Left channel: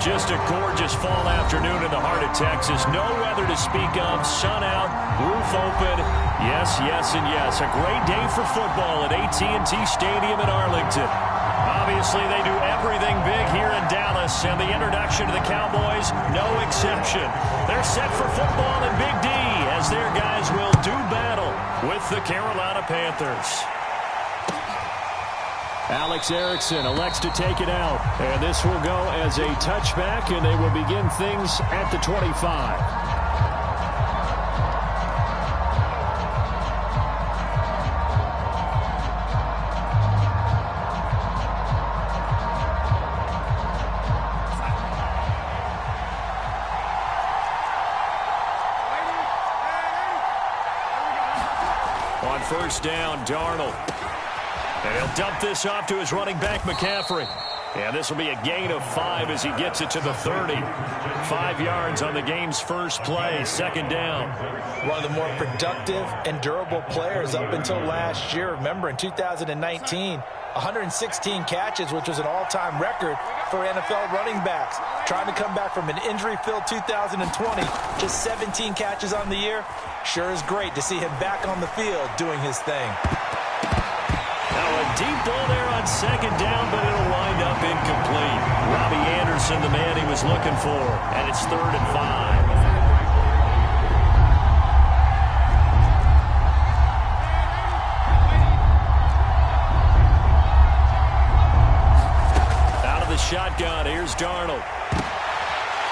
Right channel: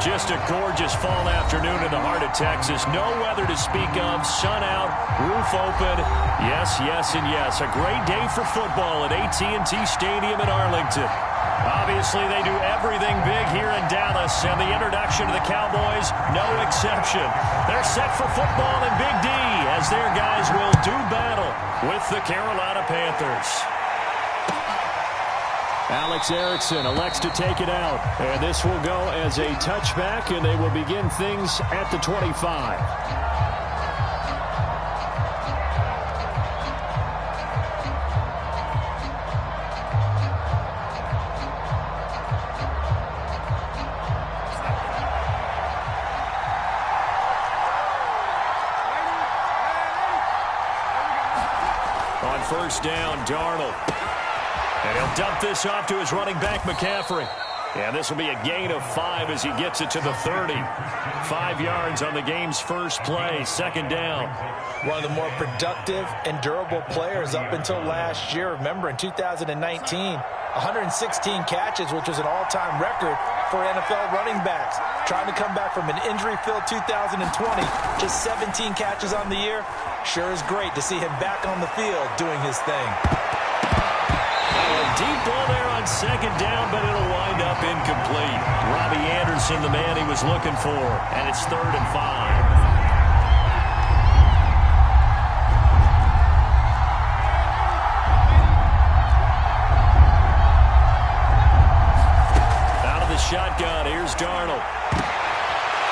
Just a gorgeous fall afternoon in the heart of Texas. No weather to speak of. Sun out, roof open. Yes, yes, and yes. A great day for football at AT&T Stadium in Arlington. Obviously, they do everything big here in Dallas, and the introduction to the Cowboys, no exception. They're set for football in Big D as their guys will do battle with the Carolina Panthers. Alex Erickson elects to take it out, and this will go as a touchback, and they will begin things at the 25. On first down, Darnold. And he'll dump this off to his running back, McCaffrey. And this will be a gain of 5 as he gets it to the 30. 5 yards on the game's first play, second down. One of the more productive and durable players up until last year. Remember, in 2019, 116 catches, which was an all-time record for NFL running backs. Trying to come back from an injury-filled 2020, just 17 catches on the year. Sure is great to see him back on the field doing his thing. Now a deep ball there on second down, but it'll wind up incomplete. Robbie Anderson, the man he was looking for, and it's 3rd and 5. Out of the shotgun, here's Darnold.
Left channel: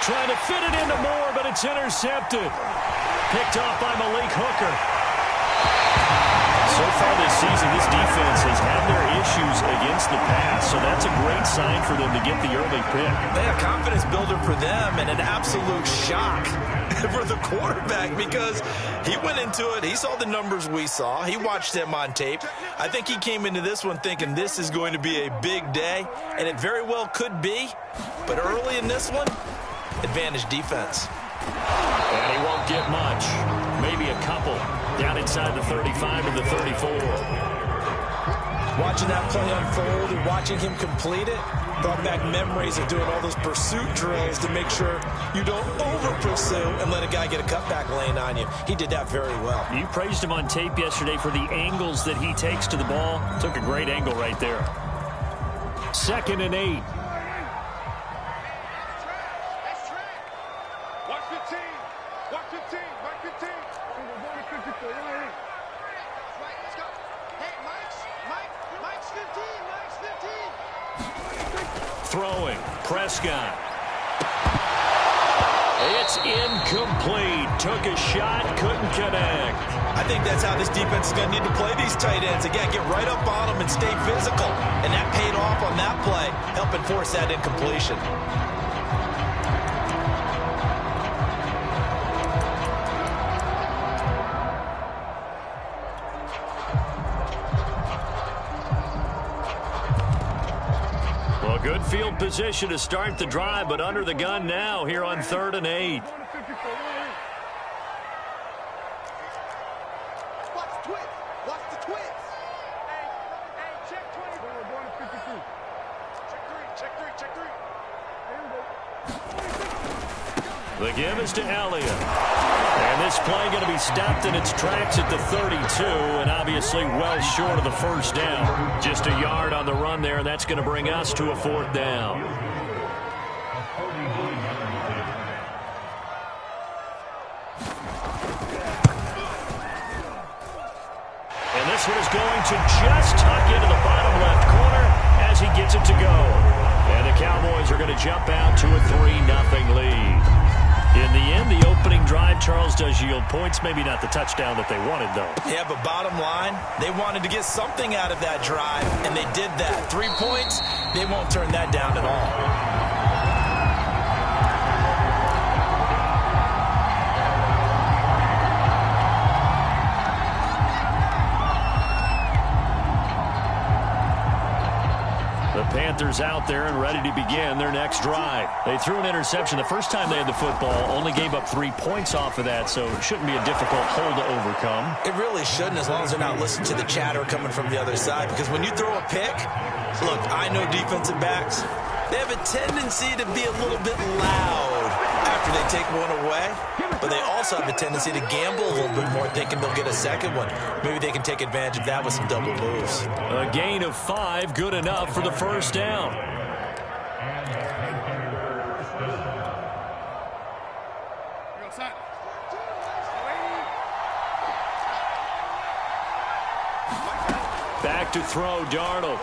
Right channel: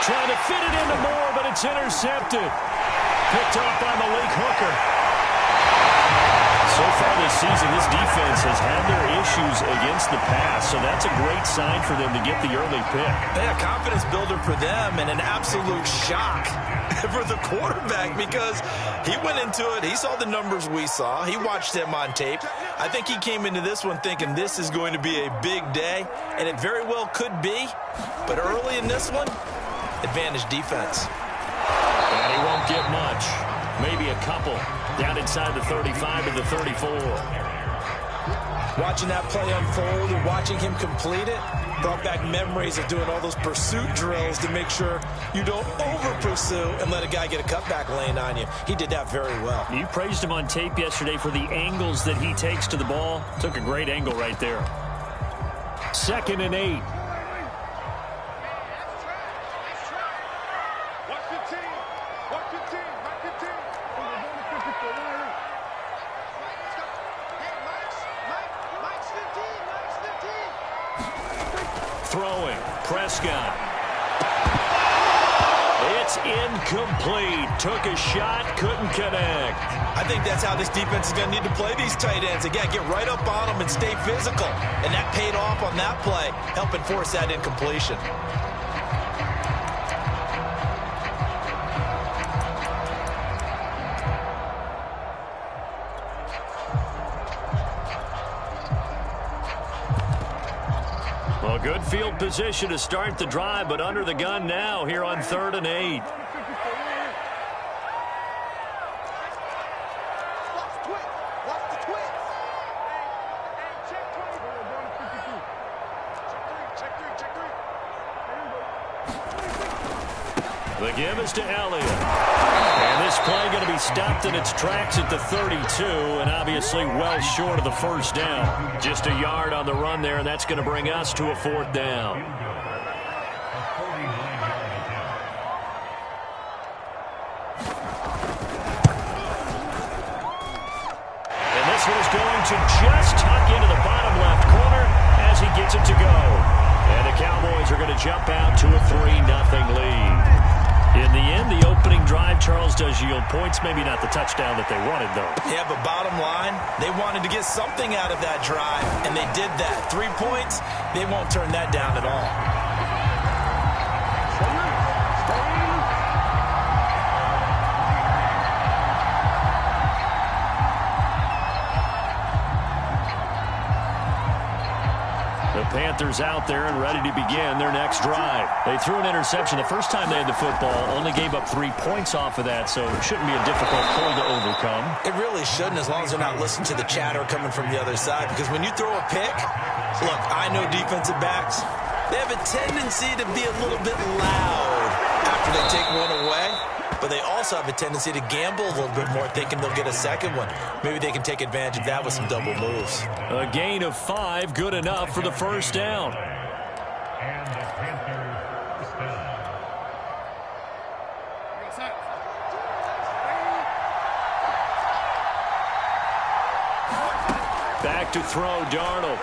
Trying to fit it into Moore, but it's intercepted. Picked off by Malik Hooker. So far this season, this defense has had their issues against the pass, so that's a great sign for them to get the early pick. Yeah, confidence builder for them and an absolute shock for the quarterback because he went into it. He saw the numbers we saw. He watched them on tape. I think he came into this one thinking this is going to be a big day, and it very well could be. But early in this one, advantage defense. And he won't get much. Maybe a couple. Down inside the 35 to the 34. Watching that play unfold and watching him complete it brought back memories of doing all those pursuit drills to make sure you don't over-pursue and let a guy get a cutback lane on you. He did that very well. You praised him on tape yesterday for the angles that he takes to the ball. Took a great angle right there. 2nd and 8. Throwing, Prescott. It's incomplete. Took a shot, couldn't connect. I think that's how this defense is going to need to play these tight ends. Again, get right up on them and stay physical. And that paid off on that play, helping force that incompletion. Well, good field position to start the drive, but under the gun now here on 3rd and 8. The give is to Elliott. And this play going to be stopped in its tracks at the 32, and obviously well short of the first down. Just a yard on the run there, and that's going to bring us to a 4th down. And this one is going to just tuck into the bottom left corner as he gets it to go. And the Cowboys are going to jump out to a 3-0 lead. In the end, the opening drive, Charles, does yield points. Maybe not the touchdown that they wanted, though. Yeah, but bottom line, they wanted to get something out of that drive, and they did that. 3 points, they won't turn that down at all. The Panthers out there and ready to begin their next drive. They threw an interception the first time they had the football, only gave up 3 points off of that, so it shouldn't be a difficult hole to overcome. It really shouldn't, as long as they're not listening to the chatter coming from the other side, because when you throw a pick, look, I know defensive backs, They have a tendency to be a little bit loud after they take one away, but they also have a tendency to gamble a little bit more, thinking they'll get a second one. Maybe they can take advantage of that with some double moves. A gain of 5, good enough for the first down. Back to throw, Darnold.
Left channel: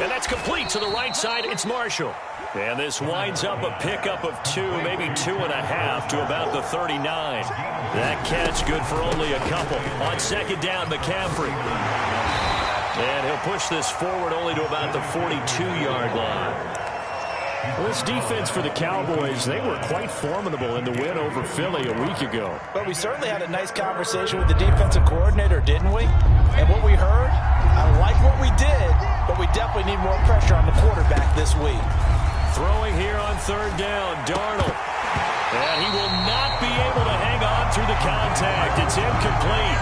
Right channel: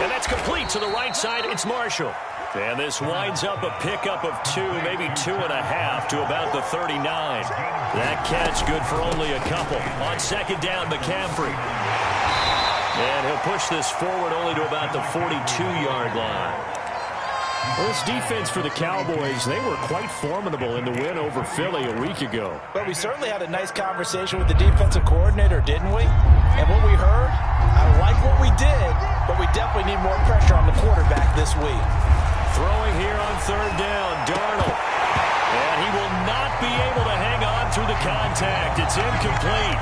And that's complete to the right side. It's Marshall. And this winds up a pickup of 2, maybe 2.5 to about the 39. That catch good for only a couple. On second down, McCaffrey. And he'll push this forward only to about the 42-yard line. Well, this defense for the Cowboys, they were quite formidable in the win over Philly a week ago. But we certainly had a nice conversation with the defensive coordinator, didn't we? And what we heard, I like what we did, but we definitely need more pressure on the quarterback this week. Throwing here on third down, Darnold. And he will not be able to hang on through the contact. It's incomplete.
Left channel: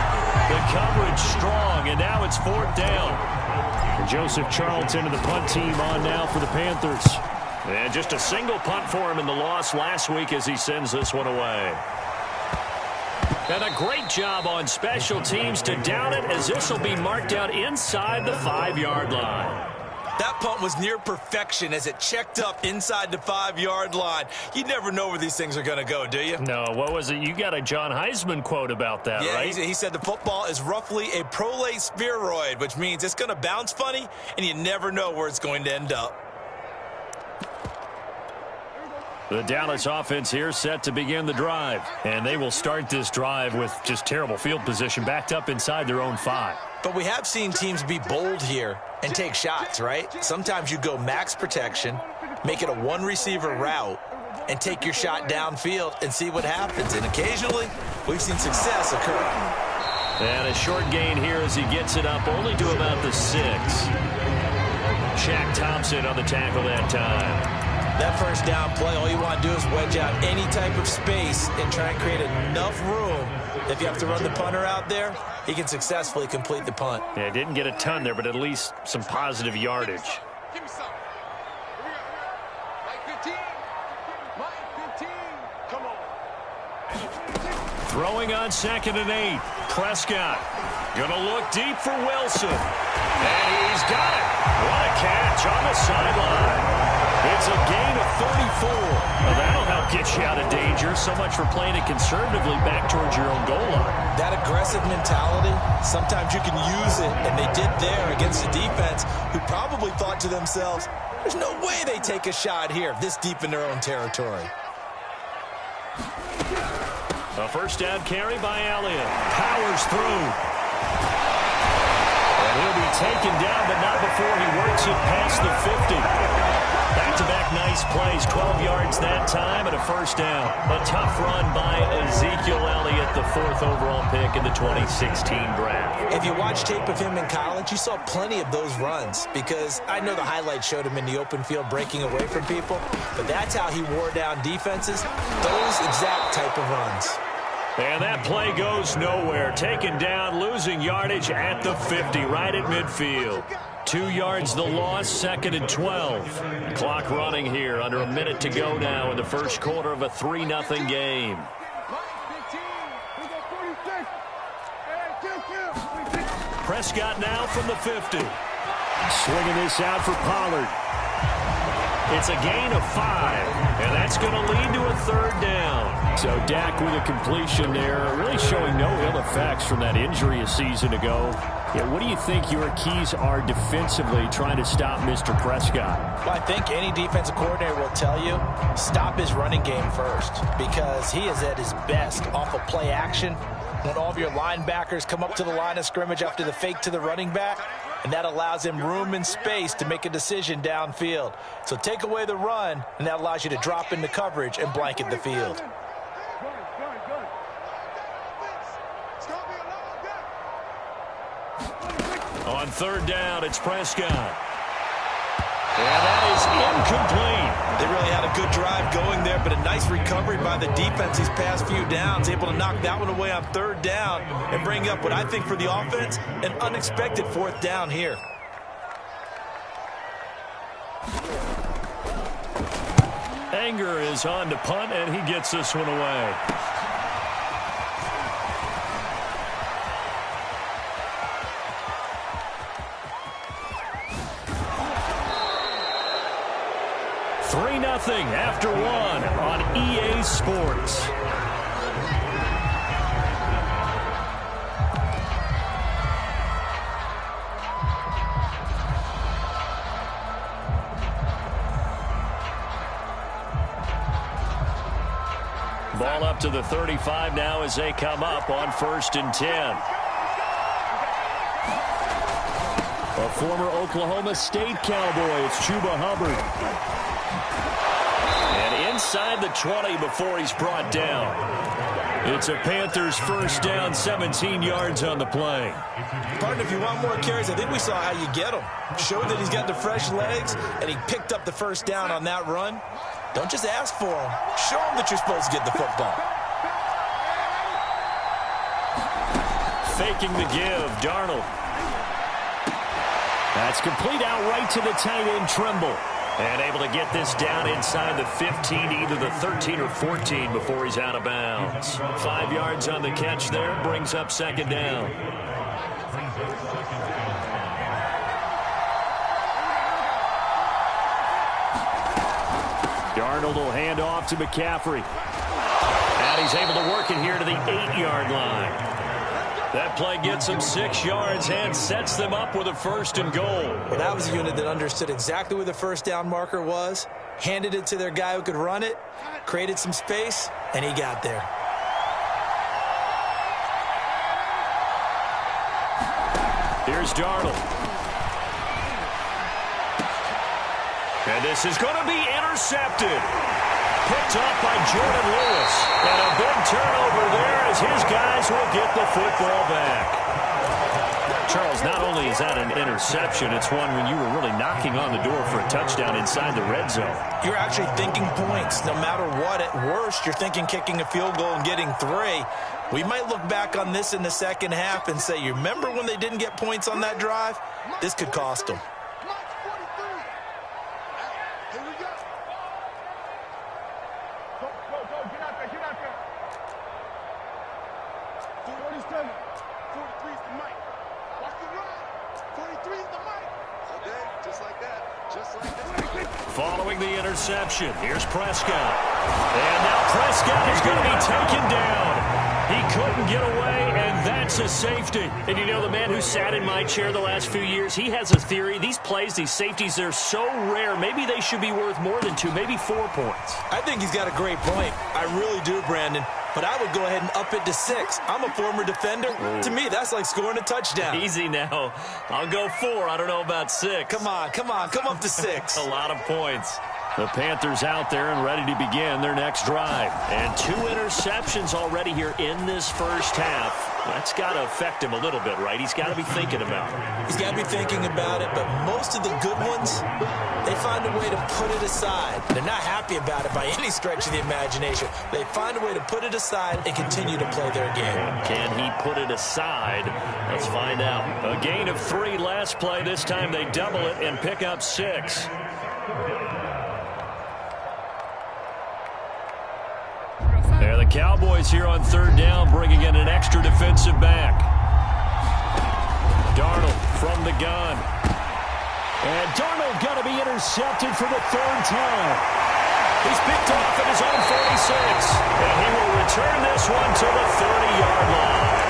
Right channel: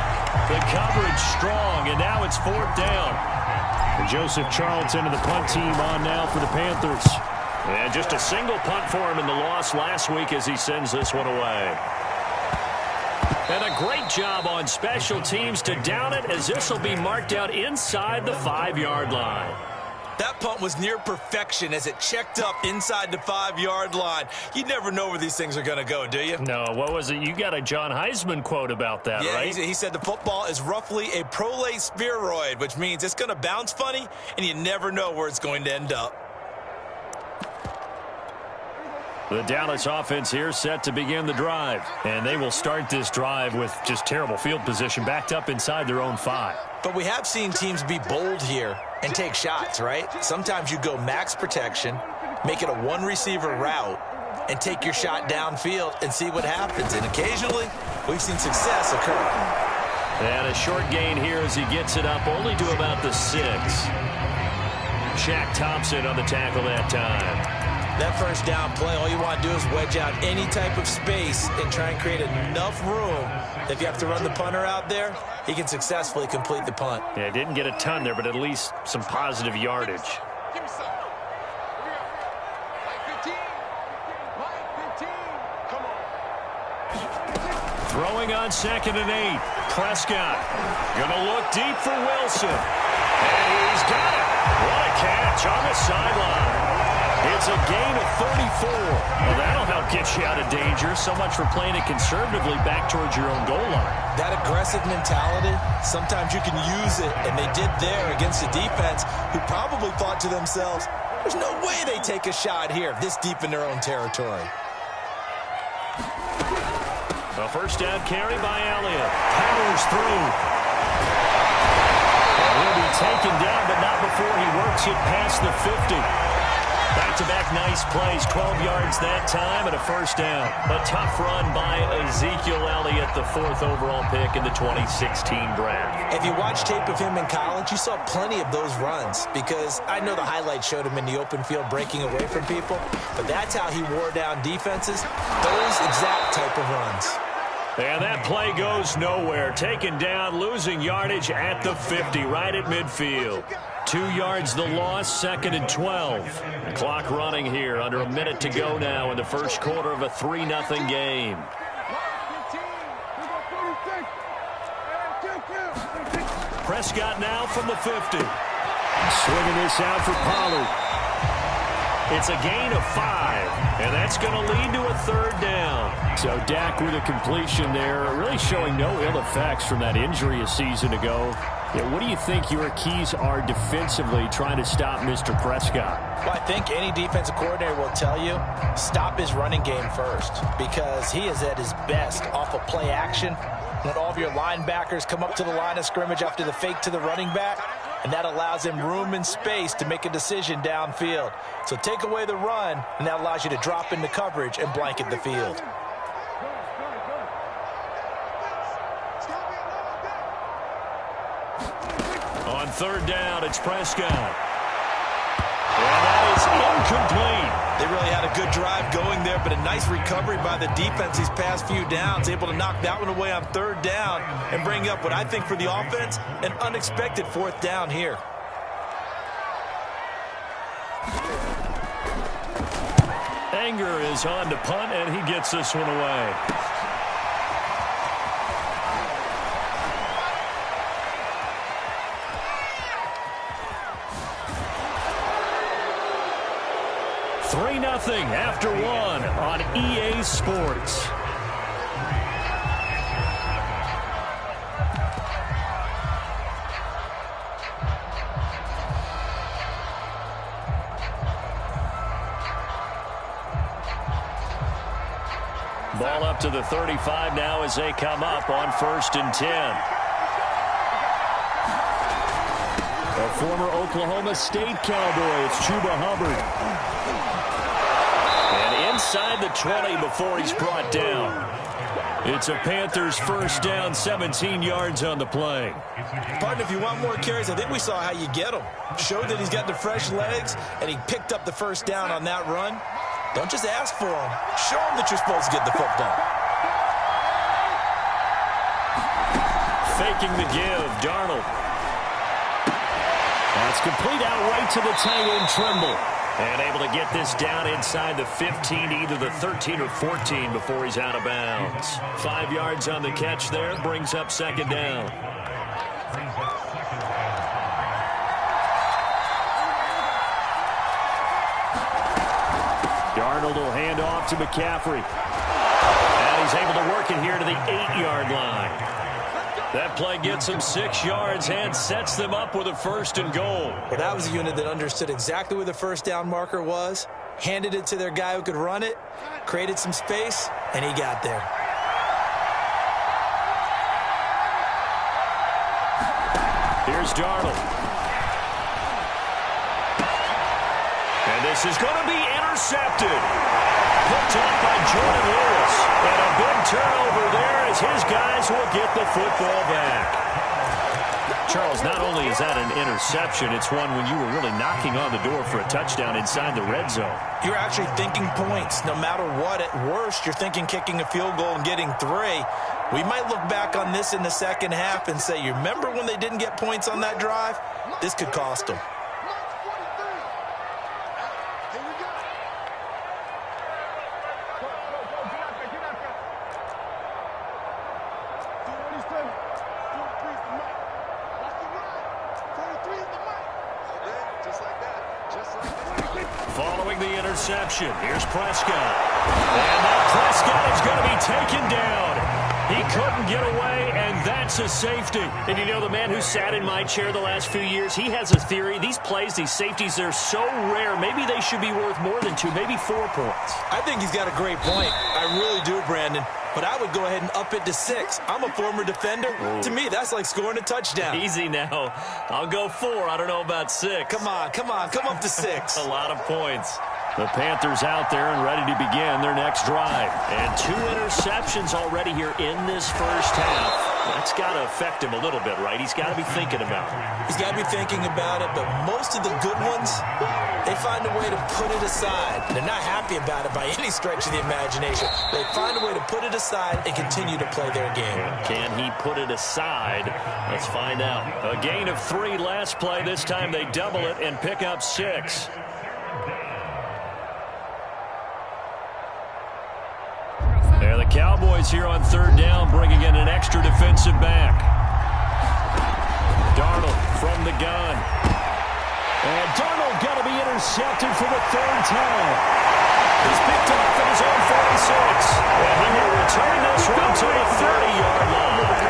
The coverage strong, and now it's fourth down. And Joseph Charlton and the punt team on now for the Panthers. And just a single punt for him in the loss last week as he sends this one away. And a great job on special teams to down it, as this will be marked out inside the 5-yard line. That punt was near perfection as it checked up inside the 5-yard line. You never know where these things are going to go, do you? No, what was it? You got a John Heisman quote about that, yeah, right? He said the football is roughly a prolate spheroid, which means it's going to bounce funny, and you never know where it's going to end up. The Dallas offense here set to begin the drive. And they will start this drive with just terrible field position, backed up inside their own 5. But we have seen teams be bold here and take shots, right? Sometimes you go max protection, make it a one-receiver route, and take your shot downfield and see what happens. And occasionally, we've seen success occur. And a short gain here as he gets it up only to about the 6. Shaq Thompson on the tackle that time. That first down play, all you want to do is wedge out any type of space and try and create enough room. If you have to run the punter out there, he can successfully complete the punt. Yeah, didn't get a ton there, but at least some positive yardage. Give me some. Here we go. Mike 15. Mike 15. Come on. Throwing on 2nd and 8. Prescott gonna look deep for Wilson. And he's got it. What a catch on the sideline. It's a gain of 34. Well, that'll help get you out of danger. So much for playing it conservatively back towards your own goal line. That aggressive mentality, sometimes you can use it, and they did there against a defense who probably thought to themselves, there's no way they take a shot here this deep in their own territory. A first down carry by Elliott. Powers through. And he'll be taken down, but not before he works it past the 50. Back-to-back nice plays, 12 yards that time and a first down. A tough run by Ezekiel Elliott, the 4th overall pick in the 2016 draft. If you watch tape of him in college, you saw plenty of those runs because I know the highlights showed him in the open field breaking away from people, but that's how he wore down defenses, those exact type of runs. And that play goes nowhere. Taken down, losing yardage at the 50, right at midfield. 2 yards the loss, 2nd and 12. Clock running here, under a minute to go now in the first quarter of a 3-0 game. Prescott now from the 50. Swinging this out for Pollard. It's a gain of 5, and that's going to lead to a third down. So Dak with a completion there, really showing no ill effects from that injury a season ago. Yeah, what do you think your keys are defensively trying to stop Mr. Prescott? Well, I think any defensive coordinator will tell you, stop his running game first, because he is at his best off of play action when all of your linebackers come up to the line of scrimmage after the fake to the running back, and that allows him room and space to make a decision downfield. So take away the run, and that allows you to drop into coverage and blanket the field. On third down, it's Prescott. And that is incomplete. They really had a good drive going there, but a nice recovery by the defense these past few downs, able to knock that one away on third down and bring up what I think for the offense, an unexpected 4th down here. Anger is on to punt, and he gets this one away. Nothing after one on EA Sports. Ball up to the 35 now as they come up on 1st and 10. A former Oklahoma State Cowboy, it's Chuba Hubbard. And inside the 20 before he's brought down. It's a Panthers first down, 17 yards on the play. Partner, if you want more carries, I think we saw how you get them. Showed that he's got the fresh legs, and he picked up the first down on that run. Don't just ask for them. Show them that you're supposed to get the football. Faking the give, Darnold. That's complete out right to the tight end, Trimble. And able to get this down inside the 15, either the 13 or 14 before he's out of bounds. 5 yards on the catch there, brings up 2nd down. Darnold will hand off to McCaffrey. And he's able to work it here to the 8-yard line. That play gets them 6 yards and sets them up with a 1st and goal. Well, that was a unit that understood exactly where the first down marker was, handed it to their guy who could run it, created some space, and he got there. Here's Darnold. And this is going to be intercepted. Picked up by Jordan Lewis. And a big turnover there as his guys will get the football back. Charles, not only is that an interception, it's one when you were really knocking on the door for a touchdown inside the red zone. You're actually thinking points. No matter what, at worst, you're thinking kicking a field goal and getting 3. We might look back on this in the second half and say, you remember when they didn't get points on that drive? This could cost them. Following the interception, here's Prescott. And now Prescott is going to be taken down. He couldn't get away, and that's a safety. And you know, the man who sat in my chair the last few years, he has a theory. These plays, these safeties, they're so rare. Maybe they should be worth more than 2, maybe 4 points. I think he's got a great point. I really do, Brandon. But I would go ahead and up it to 6. I'm a former defender. Ooh. To me, that's like scoring a touchdown. Easy now. I'll go 4. I don't know about 6. Come on. Come up to 6. A lot of points. The Panthers out there and ready to begin their next drive. And 2 interceptions already here in this first half. That's got to affect him a little bit, right? He's got to be thinking about it. He's got to be thinking about it, but most of the good ones, they find a way to put it aside. They're not happy about it by any stretch of the imagination. They find a way to put it aside and continue to play their game. Can he put it aside? Let's find out. A gain of 3 last play. This time they double it and pick up 6. There the Cowboys here on 3rd down, bringing in an extra defensive back. Darnold from the gun. And Darnold going to be intercepted for the 3rd time. He's picked off at his own 46. And he will return this one to the 30-yard line.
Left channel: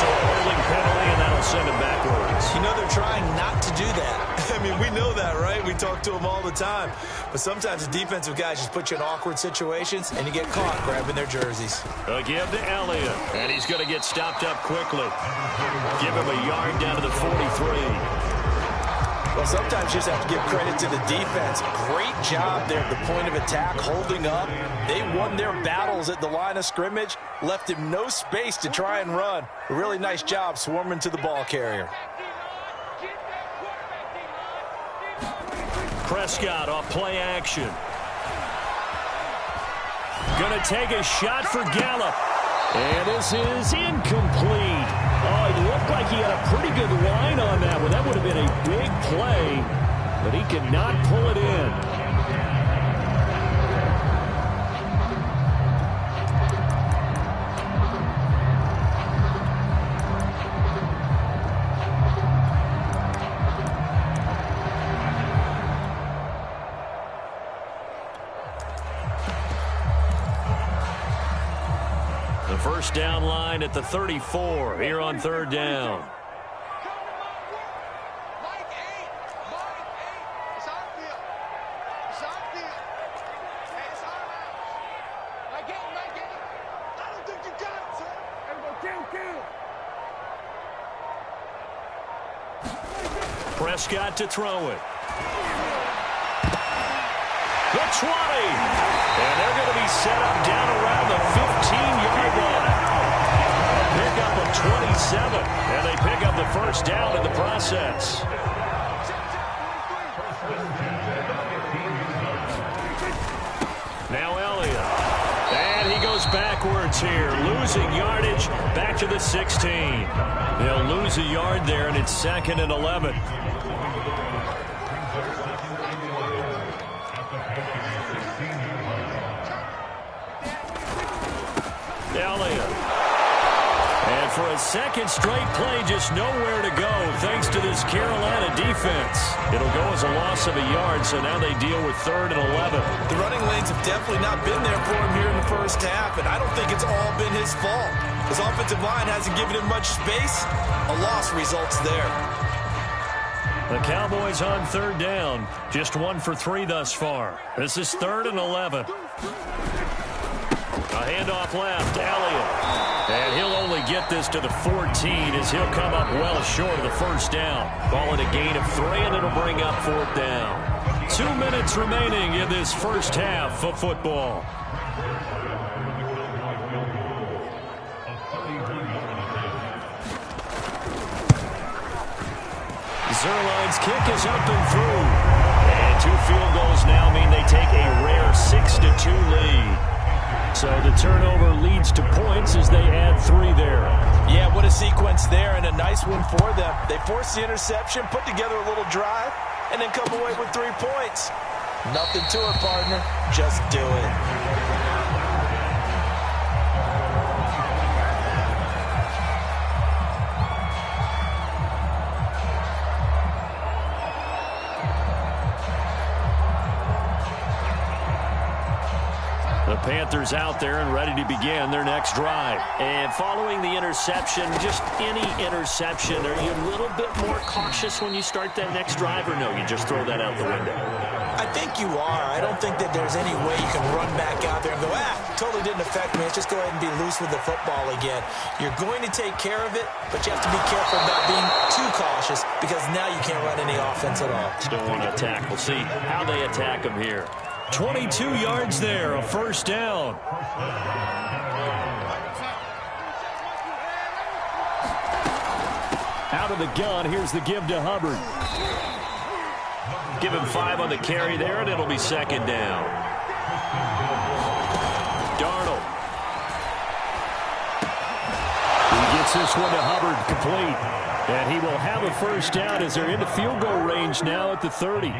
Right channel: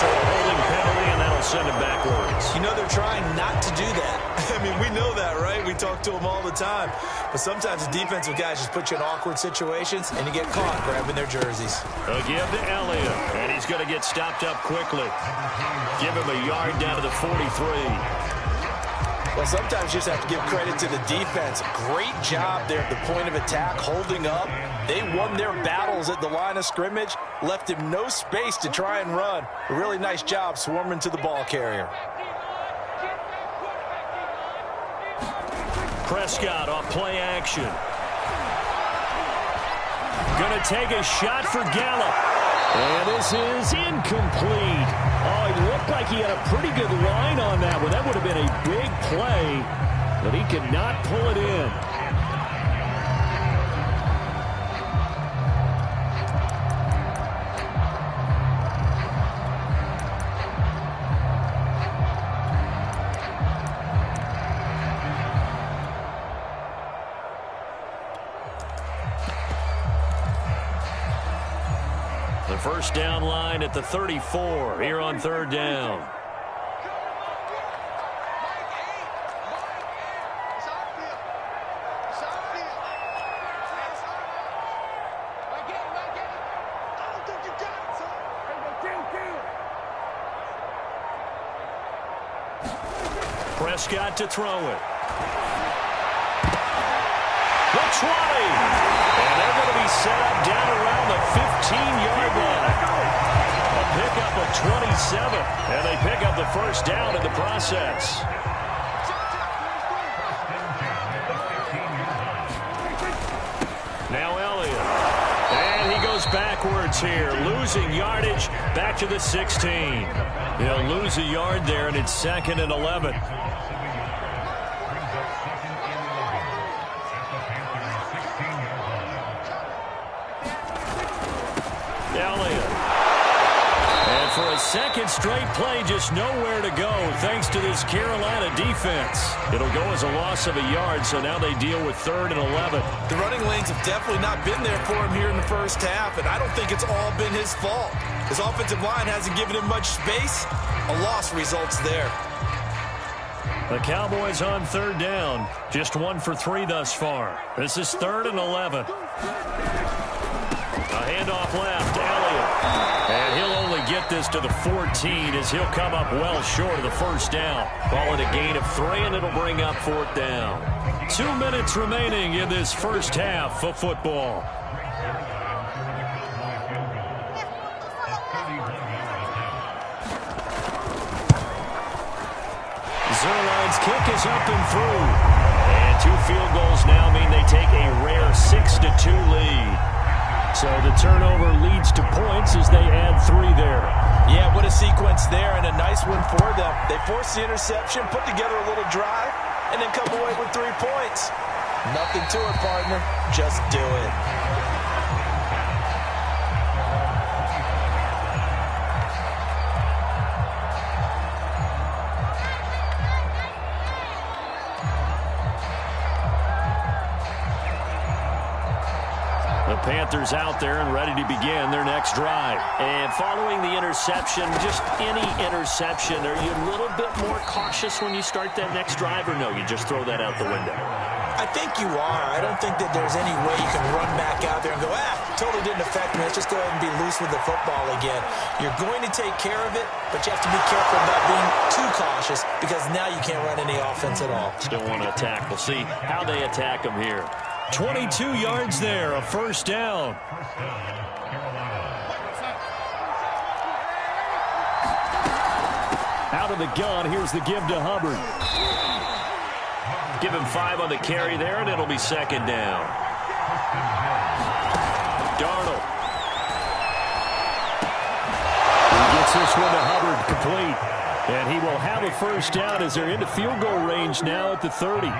So a holding penalty, and that'll send him backwards. You know, they're trying not to do that. I mean, we know that, right? We talk to them all the time. But sometimes the defensive guys just put you in awkward situations, and you get caught grabbing their jerseys. A give to Elliott, and he's going to get stopped up quickly. Give him a yard down to the 43. Well, sometimes you just have to give credit to the defense. Great job there at the point of attack, holding up. They won their battles at the line of scrimmage, left him no space to try and run. A really nice job swarming to the ball carrier. Prescott off play action. Going to take a shot for Gallup. And this is incomplete. Oh, it looked like he had a pretty good line on that one. That would have been a big play. but he cannot pull it in. The first down line at the 34 here on third down. Prescott to throw it. The 20. And they're going to be set up down around the 15-yard line. A pickup of 27. And they pick up the first down in the process. Now Elliott. And he goes backwards here, losing yardage back to the 16. They'll lose a yard there, and it's 2nd and 11. Elliott. And for a second straight play, just nowhere to go thanks to this Carolina defense. It'll go as a loss of a yard, so now they deal with 3rd and 11. The running lanes have definitely not been there for him here in the first half, and I don't think it's all been his fault. His offensive line hasn't given him much space. A loss results there. The Cowboys on third down. Just 1 for 3 thus far. This is 3rd and 11. A handoff left, Elliott. And he'll only get this to the 14 as he'll come up well short of the first down. Call it a gain of 3, and it'll bring up 4th down. 2 minutes remaining in this first half of football. Zuerlein's kick is up and through. And 2 field goals now mean they take a rare 6-2 lead. So the turnover leads to points as they add 3 there. Yeah, what a sequence there, and a nice one for them. They forced the interception, put together a little drive, and then come away with 3 points. Nothing to it, partner. Just do it. The Panthers out there and ready to begin their next drive. And following the interception, just any interception, are you a little bit more cautious when you start that next drive, or no, you just throw that out the window? I think you are. I don't think that there's any way you can run back out there and go, totally didn't affect me. Let's just go ahead and be loose with the football again. You're going to take care of it, but you have to be careful about being too cautious because now you can't run any offense at all. Still want to attack. We'll see how they attack them here. 22 yards there, a first down. Out of the gun, here's the give to Hubbard. Give him 5 on the carry there, and it'll be 2nd down. Darnold. He gets this one to Hubbard, complete. And he will have a first down as they're into field goal range now at the 30.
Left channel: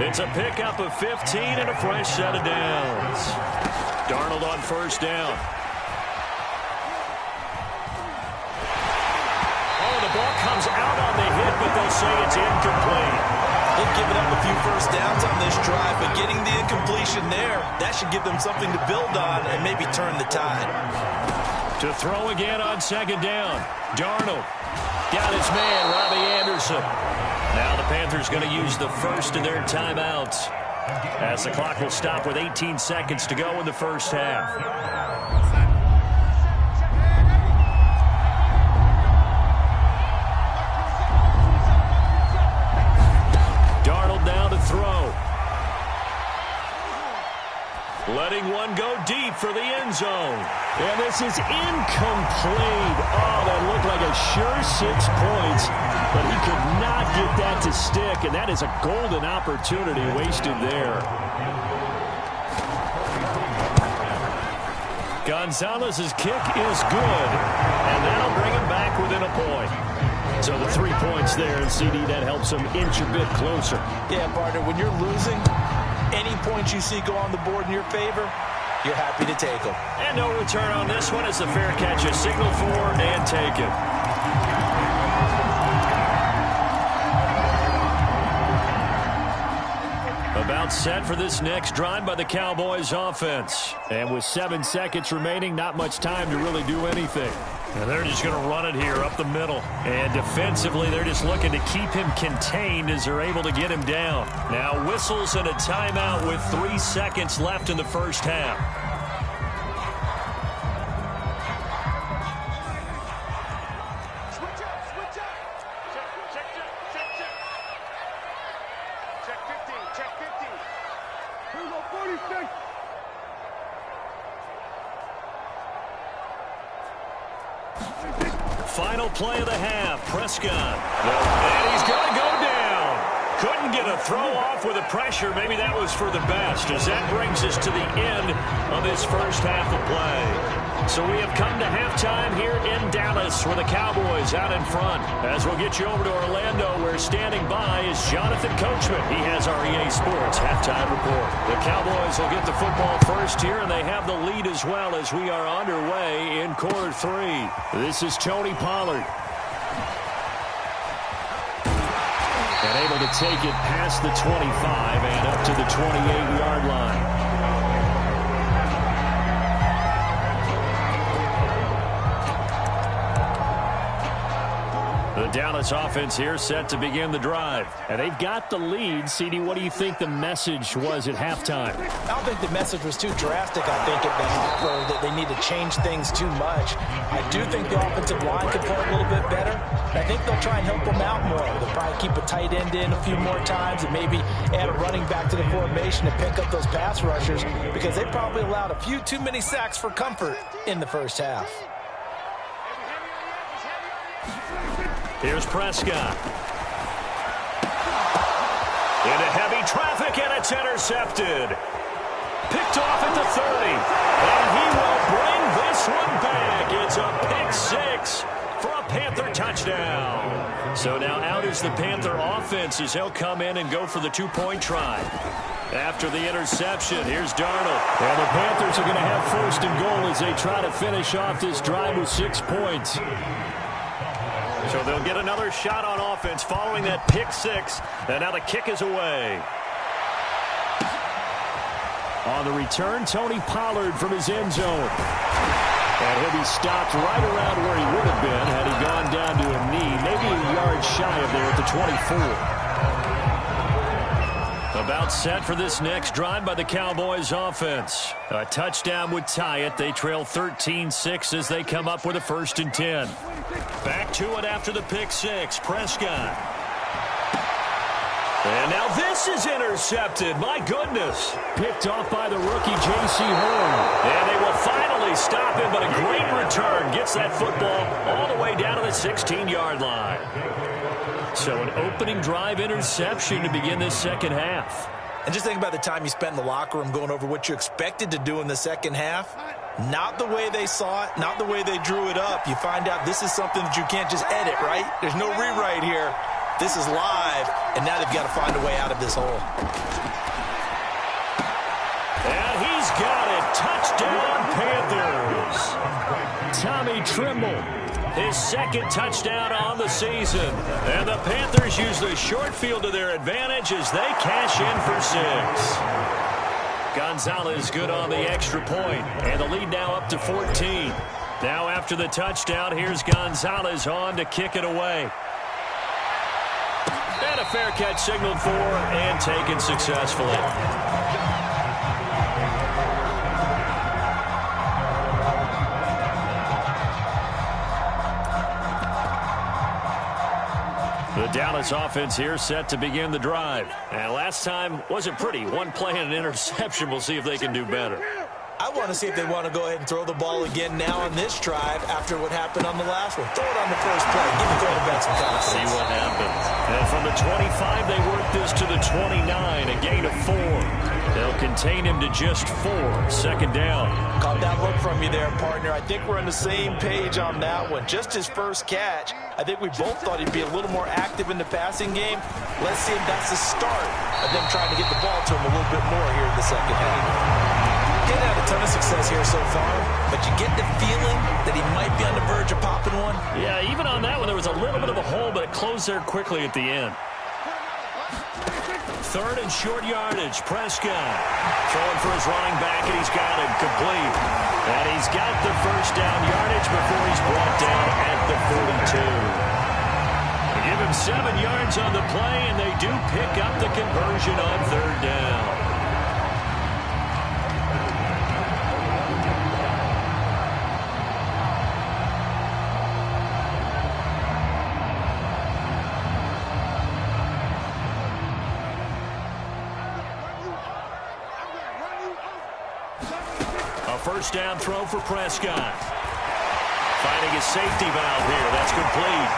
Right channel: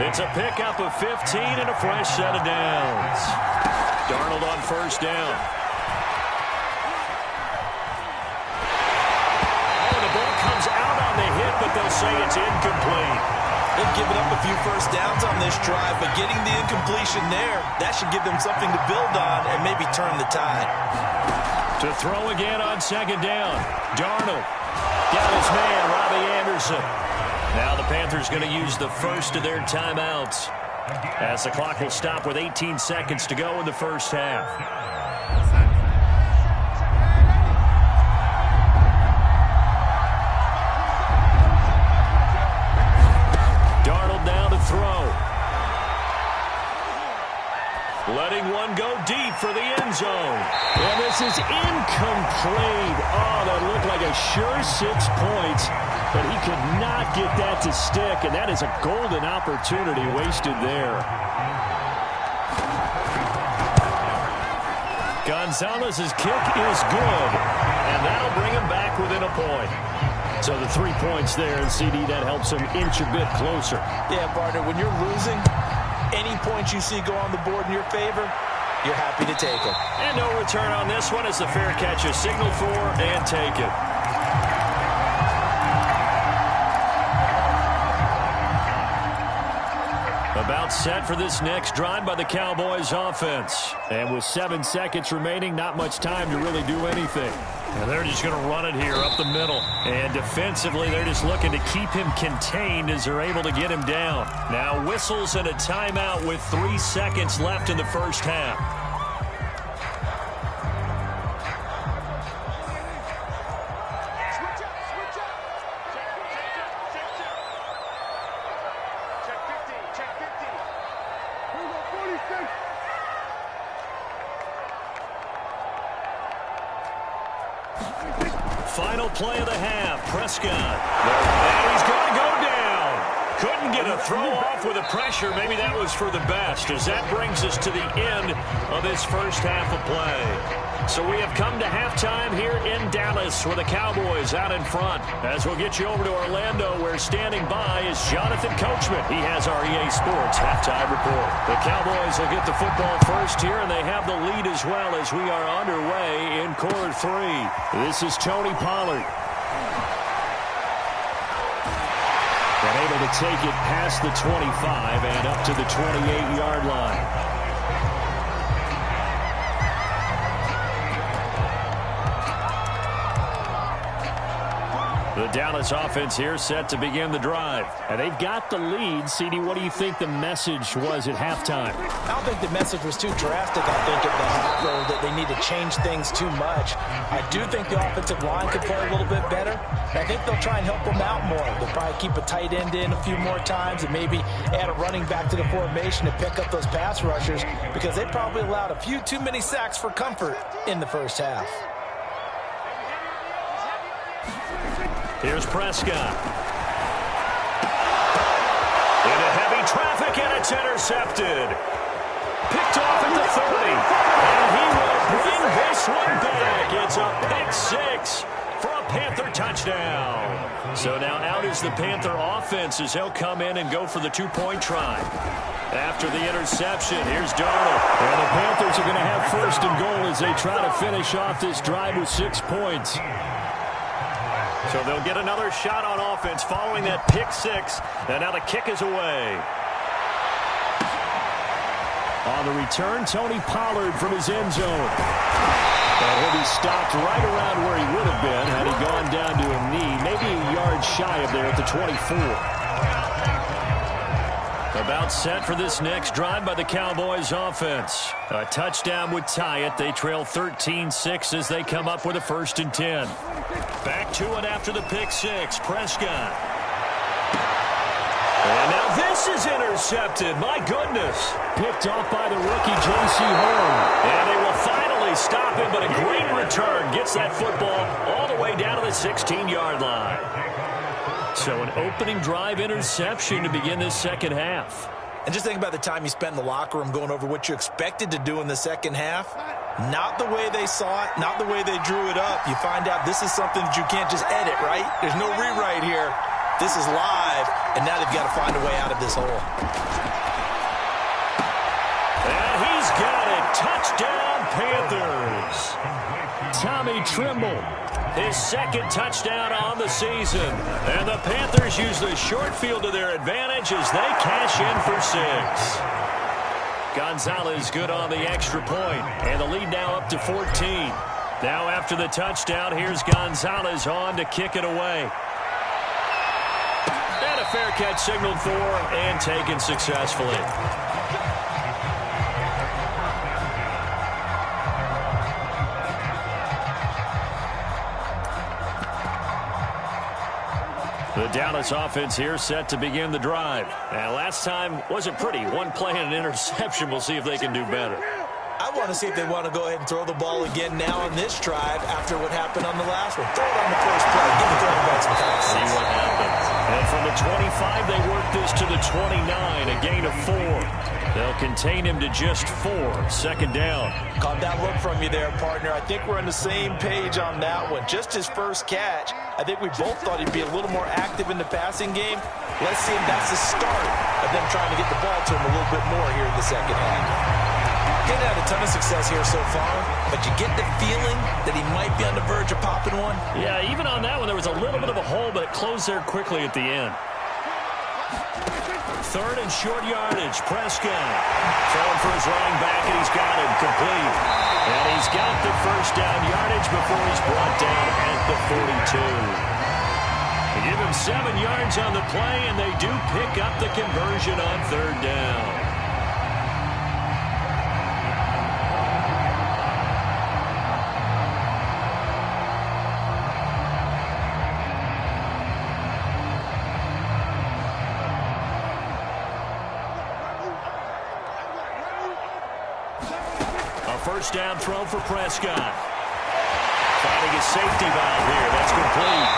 It's a pickup of 15 and a fresh set of downs. Darnold on first down. Oh, the ball comes out on the hit, but they'll say it's incomplete. They've given up a few first downs on this drive, but getting the incompletion there, that should give them something to build on and maybe turn the tide. To throw again on 2nd down. Darnold. Got his man, Robbie Anderson. Now the Panthers going to use the first of their timeouts as the clock will stop with 18 seconds to go in the first half. Darnold now to throw. Letting one go deep for the end zone. And this is incomplete. Oh, that looked like a sure 6 points, but he could not get that to stick, and that is a golden opportunity wasted there. Gonzalez's kick is good, and that'll bring him back within a point. So the 3 points there, and CD, that helps them inch a bit closer. Yeah, partner, when you're losing, any points you see go on the board in your favor, you're happy to take them. And no return on this one as the fair catch is signaled for and taken. About set for this next drive by the Cowboys offense. And with 7 seconds remaining, not much time to really do anything. And they're just going to run it here up the middle. And defensively, they're just looking to keep him contained as they're able to get him down. Now whistles and a timeout with 3 seconds left in the first half. Final play of the half. Prescott. And he's got to go down. Couldn't get a throw off with the pressure. Maybe that was for the best, as that brings us to the end of this first half of play. So we have come to halftime here in Dallas with the Cowboys out in front. As we'll get you over to Orlando, where standing by is Jonathan Coachman. He has our EA Sports halftime report. The Cowboys will get the football first here, and they have the lead as well as we are underway in quarter 3. This is Tony Pollard. And able to take it past the 25 and up to the 28-yard line. The Dallas offense here set to begin the drive. And they've got the lead. CD, what do you think the message was at halftime? I don't think the message was too drastic, I think, at the half, or that they need to change things too much. I do think the offensive line could play a little bit better. And I think they'll try and help them out more. They'll probably keep a tight end in a few more times and maybe add a running back to the formation to pick up those pass rushers, because they probably allowed a few too many sacks for comfort in the first half. Here's Prescott. Into heavy traffic, and it's intercepted. Picked off at the 30. And he will bring this one back. It's a pick 6 for a Panther touchdown. So now out is the Panther offense as they'll come in and go for the 2-point try. After the interception, here's Darnold. And the Panthers are going to have first and goal as they try to finish off this drive with 6 points. So they'll get another shot on offense following that pick 6. And now the kick is away. On the return, Tony Pollard from his end zone. And he'll be stopped right around where he would have been had he gone down to a knee, maybe a yard shy of there at the 24. About set for this next drive by the Cowboys offense. A touchdown would tie it. They trail 13-6 as they come up with a 1st and 10. Back to it after the pick 6. Prescott. And now this is intercepted. My goodness. Picked off by the rookie J.C. Horn. And they will finally stop him, but a great return gets that football all the way down to the 16-yard line. So an opening drive interception to begin this second half. And just think about the time you spent in the locker room going over what you expected to do in the second half. Not the way they saw it, not the way they drew it up. You find out this is something that you can't just edit, right? There's no rewrite here. This is live, and now they've got to find a way out of this hole. And he's got it. Touchdown, Panthers. Tommy Tremble. His 2nd touchdown on the season. And the Panthers use the short field to their advantage as they cash in for 6. Gonzalez good on the extra point. And the lead now up to 14. Now after the touchdown, here's Gonzalez on to kick it away. And a fair catch signaled for and taken successfully. The Dallas offense here set to begin the drive. And last time wasn't pretty. One play and an interception. We'll see if they can do better. I want to see if they want to go ahead and throw the ball again now on this drive after what happened on the last one. Throw it on the first play. Give the quarterback some confidence. See what happens. And from the 25, they work this to the 29, a gain of 4. They'll contain him to just 4. Second down. Caught that look from you there, partner. I think we're on the same page on that one. Just his first catch. I think we both thought he'd be a little more active in the passing game. Let's see if that's the start of them trying to get the ball to him a little bit more here in the second half. He's had a ton of success here so far, but you get the feeling that he might be on the verge of popping one. Yeah, even on that one, there was a little bit of a hole, but it closed there quickly at the end. Third and short yardage, Prescott. Throwing for his running back, and he's got it complete. And he's got the first down yardage before he's brought down at the 42. They give him 7 yards on the play, and they do pick up the conversion on third down. First down throw for Prescott. Finding his safety valve here. That's complete.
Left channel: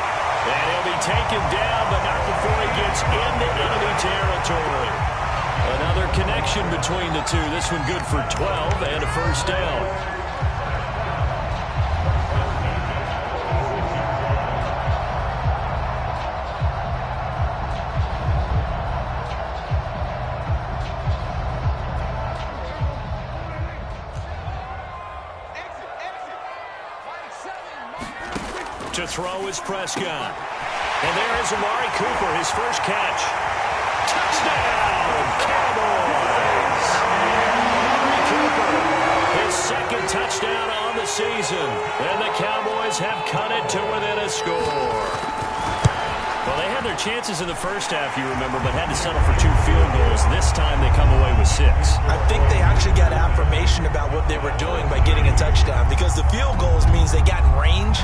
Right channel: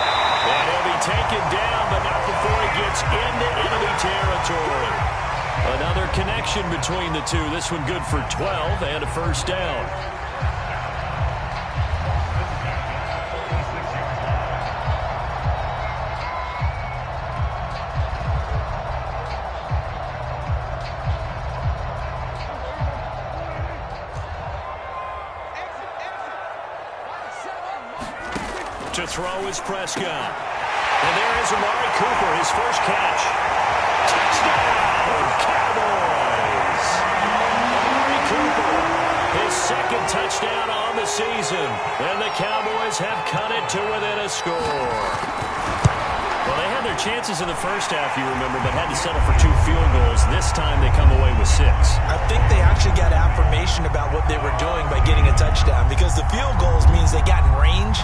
And he'll be taken down, but not before he gets into enemy territory. Another connection between the two. This one good for 12 and a first down. To throw is Prescott. And there is Amari Cooper, his first catch. Touchdown, Cowboys! Amari Cooper, his second touchdown on the season. And the Cowboys have cut it to within a score. Well, they had their chances in the first half, you remember, but had to settle for 2 field goals. This time they come away with 6. I think they actually got affirmation about what they were doing by getting a touchdown, because the field goals means they got in range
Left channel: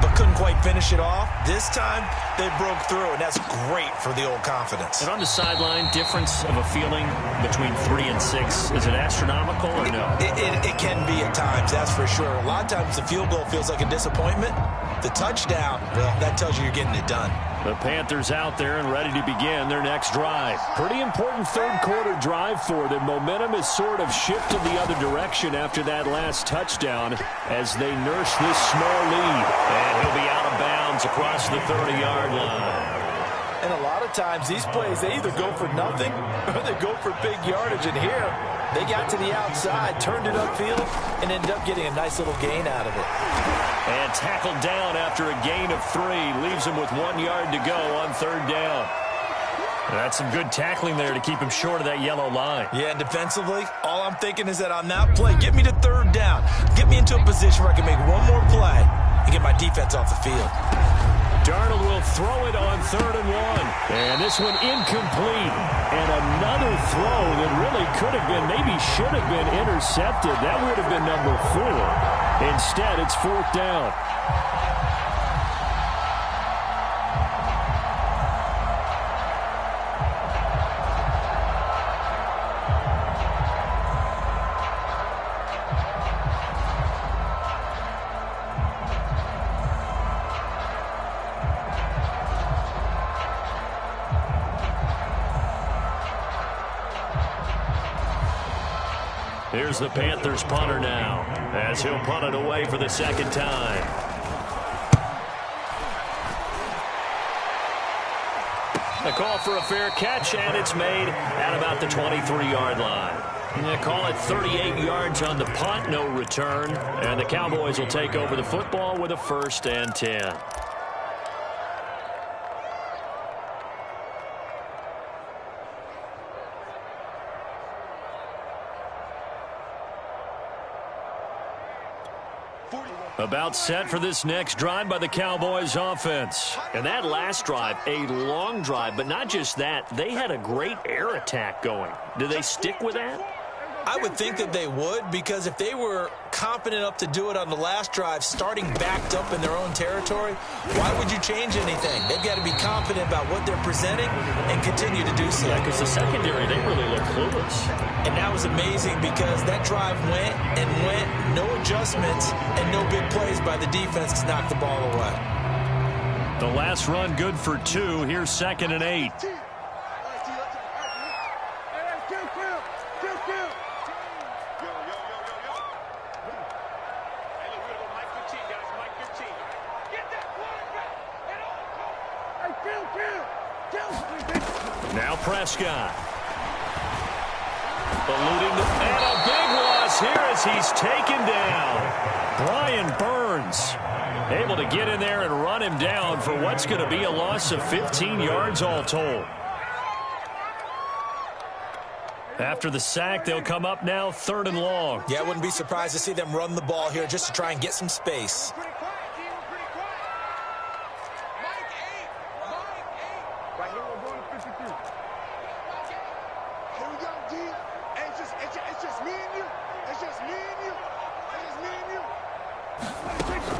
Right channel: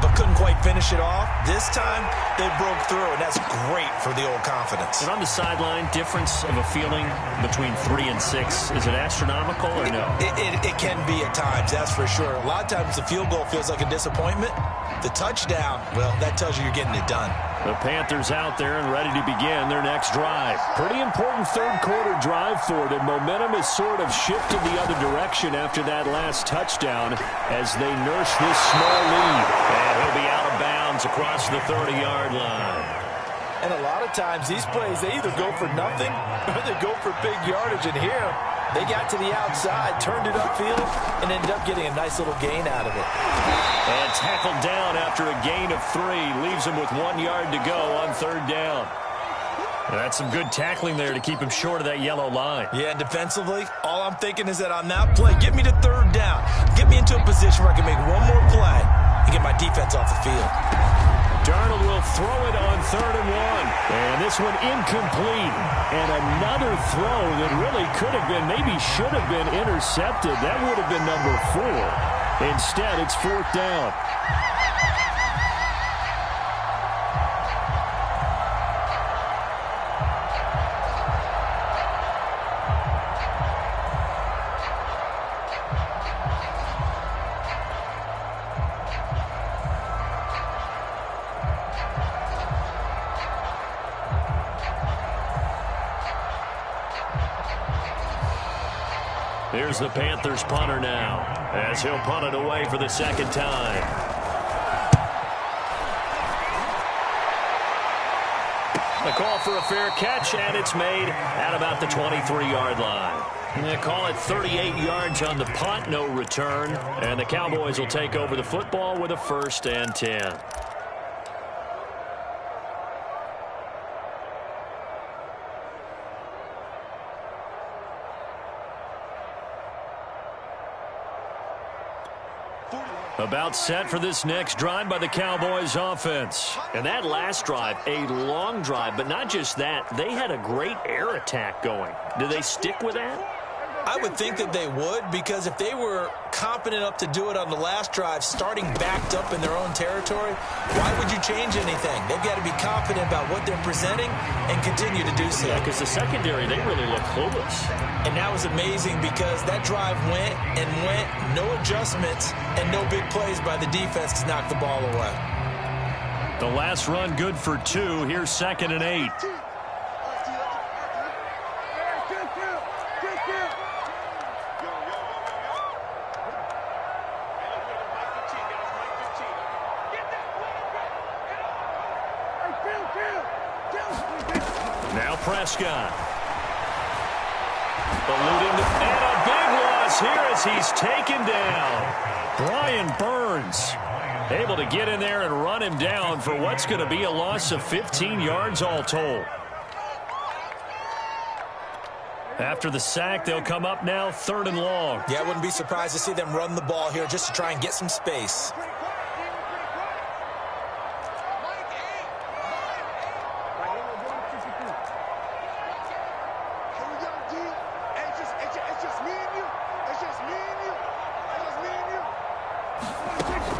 but couldn't quite finish it off. This time, they broke through, and that's great for the old confidence. And on the sideline, difference of a feeling between 3 and 6, is it astronomical or no? It can be at times, that's for sure. A lot of times the field goal feels like a disappointment. The touchdown, well, that tells you you're getting it done. The Panthers out there and ready to begin their next drive. Pretty important third quarter drive for them. Momentum has sort of shifted the other direction after that last touchdown as they nurse this small lead. And he'll be out of bounds across the 30-yard line. And a lot of times these plays, they either go for nothing or they go for big yardage. And here, they got to the outside, turned it upfield, and ended up getting a nice little gain out of it. And tackled down after a gain of 3. Leaves him with 1 yard to go on third down. That's some good tackling there to keep him short of that yellow line. Yeah, and defensively, all I'm thinking is that on that play, get me to third down. Get me into a position where I can make one more play and get my defense off the field. Darnold will throw it on 3rd and 1. And this one incomplete. And another throw that really could have been, maybe should have been intercepted. That would have been number 4. Instead, it's 4th down. Here's the Panthers punter now, as he'll punt it away for the second time. The call for a fair catch, and it's made at about the 23-yard line. They call it 38 yards on the punt, no return, and the Cowboys will take over the football with a 1st and 10. About set for this next drive by the Cowboys offense. And that last drive, a long drive, but not just that. They had a great air attack going. Do they stick with that? I would think that they would, because if they were confident enough to do it on the last drive, starting backed up in their own territory, why would you change anything? They've got to be confident about what they're presenting and continue to do so. Yeah, because the secondary, they really look clueless. And that was amazing because that drive went and went, no adjustments and no big plays by the defense to knock the ball away. The last run good for 2. Here's 2nd and 8. Now Prescott. Eluding, and a big loss here as he's taken down. Brian Burns able to get in there and run him down for what's going to be a loss of 15 yards all told. After the sack, they'll come up now 3rd and long. Yeah, I wouldn't be surprised to see them run the ball here just to try and get some space.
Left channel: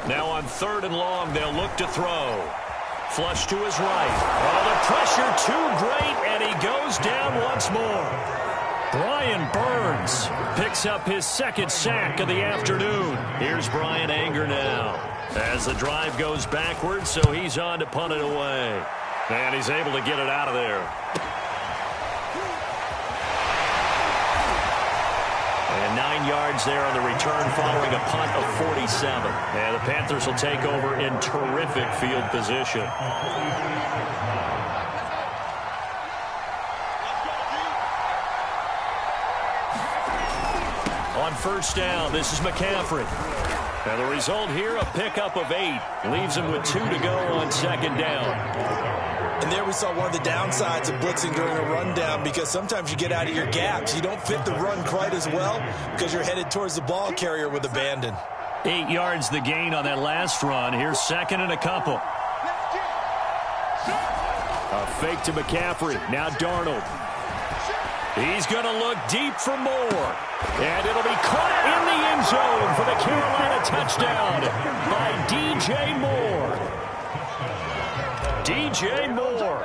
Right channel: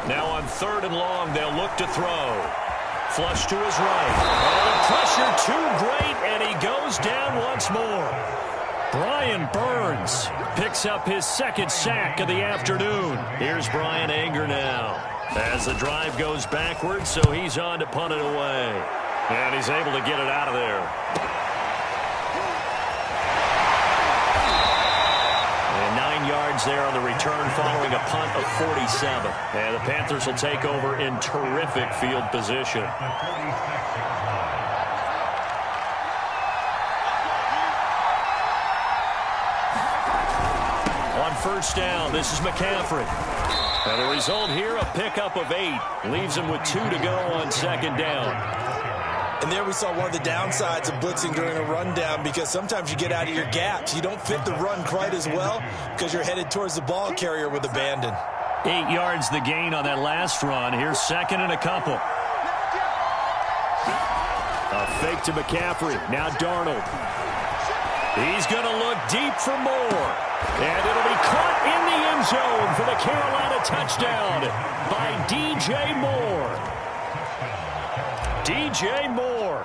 Now on 3rd and long, they'll look to throw. Flush to his right. Oh, the pressure too great, and he goes down once more. Brian Burns picks up his 2nd sack of the afternoon. Here's Brian Anger now as the drive goes backwards, so he's on to punt it away. And he's able to get it out of there. And 9 yards there on the return following a punt of 47. And the Panthers will take over in terrific field position. On 1st down, this is McCaffrey. And the result here, a pickup of 8. Leaves him with 2 to go on 2nd down. And there we saw one of the downsides of blitzing during a rundown, because sometimes you get out of your gaps. You don't fit the run quite as well because you're headed towards the ball carrier with abandon. 8 yards the gain on that last run. Here's 2nd and a couple. A fake to McCaffrey. Now Darnold. He's going to look deep for more. And it'll be caught in the end zone for the Carolina touchdown by DJ Moore. DJ Moore,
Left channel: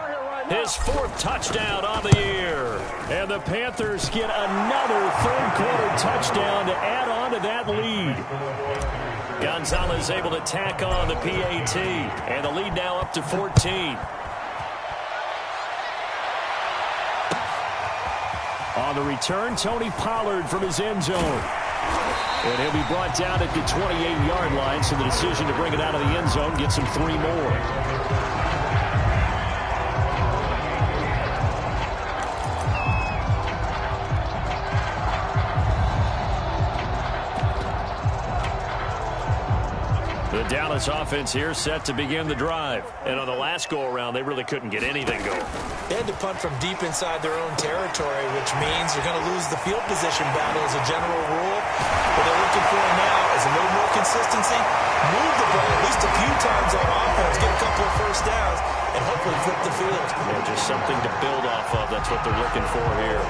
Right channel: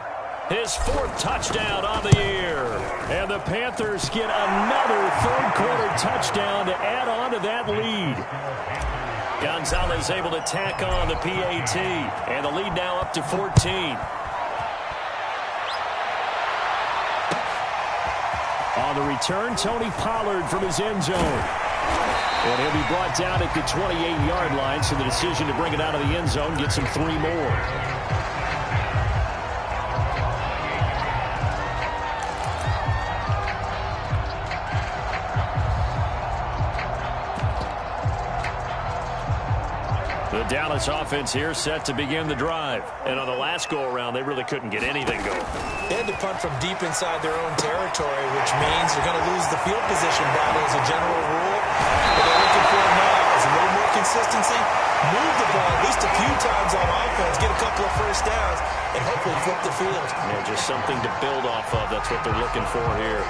his 4th touchdown on the year. And the Panthers get another 3rd quarter touchdown to add on to that lead. Gonzalez able to tack on the PAT. And the lead now up to 14. On the return, Tony Pollard from his end zone. And he'll be brought down at the 28-yard line, so the decision to bring it out of the end zone gets him 3 more. The Dallas offense here set to begin the drive. And on the last go-around, they really couldn't get anything going. They had to punt from deep inside their own territory, which means they're going to lose the field position battle as a general rule. What they're looking for now is a little more consistency, move the ball at least a few times on offense, get a couple of 1st downs, and hopefully flip the field. Yeah, just something to build off of. That's what they're looking for here.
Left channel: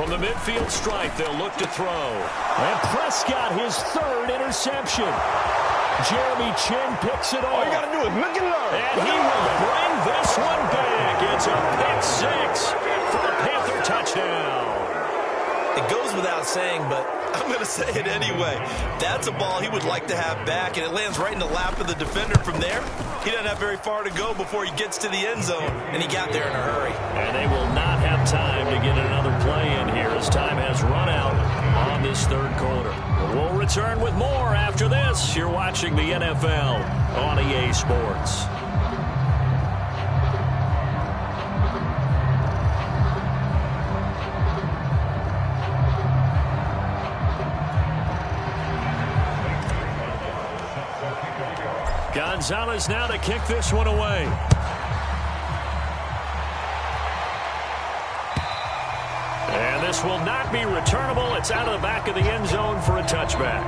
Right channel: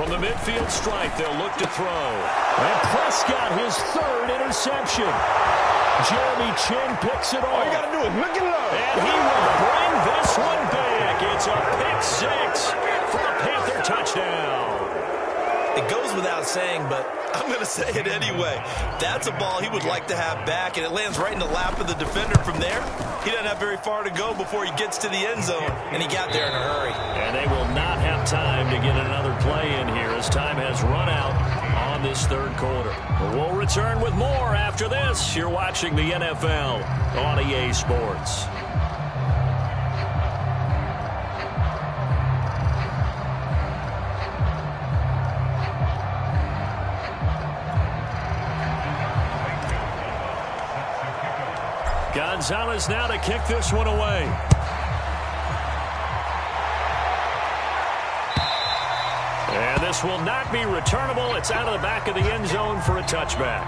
From the midfield stripe, they'll look to throw. And Prescott, his 3rd interception. Jeremy Chin picks it off. All you got to do is look and learn. And he will bring this one back. It's a pick 6 for a Panther touchdown. It goes without saying, but I'm going to say it anyway. That's a ball he would like to have back, and it lands right in the lap of the defender from there. He doesn't have very far to go before he gets to the end zone, and he got there in a hurry. And they will not have time to get another play in here as time has run out on this 3rd quarter. We'll return with more after this. You're watching the NFL on EA Sports. Gonzalez now to kick this one away. And this will not be returnable. It's out of the back of the end zone for a touchback.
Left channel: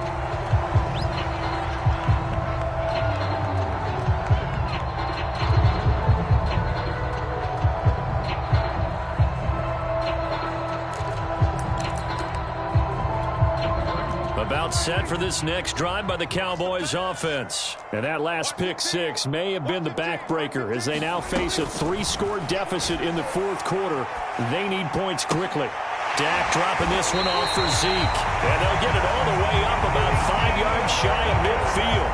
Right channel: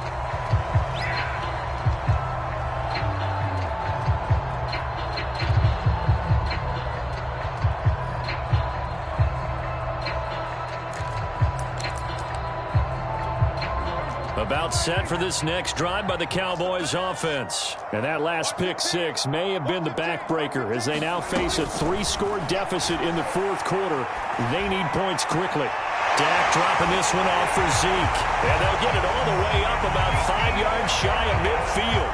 set for this next drive by the Cowboys offense. And that last pick six may have been the backbreaker as they now face a 3-score deficit in the fourth quarter. They need points quickly. Dak dropping this one off for Zeke. And they'll get it all the way up about 5 yards shy of midfield.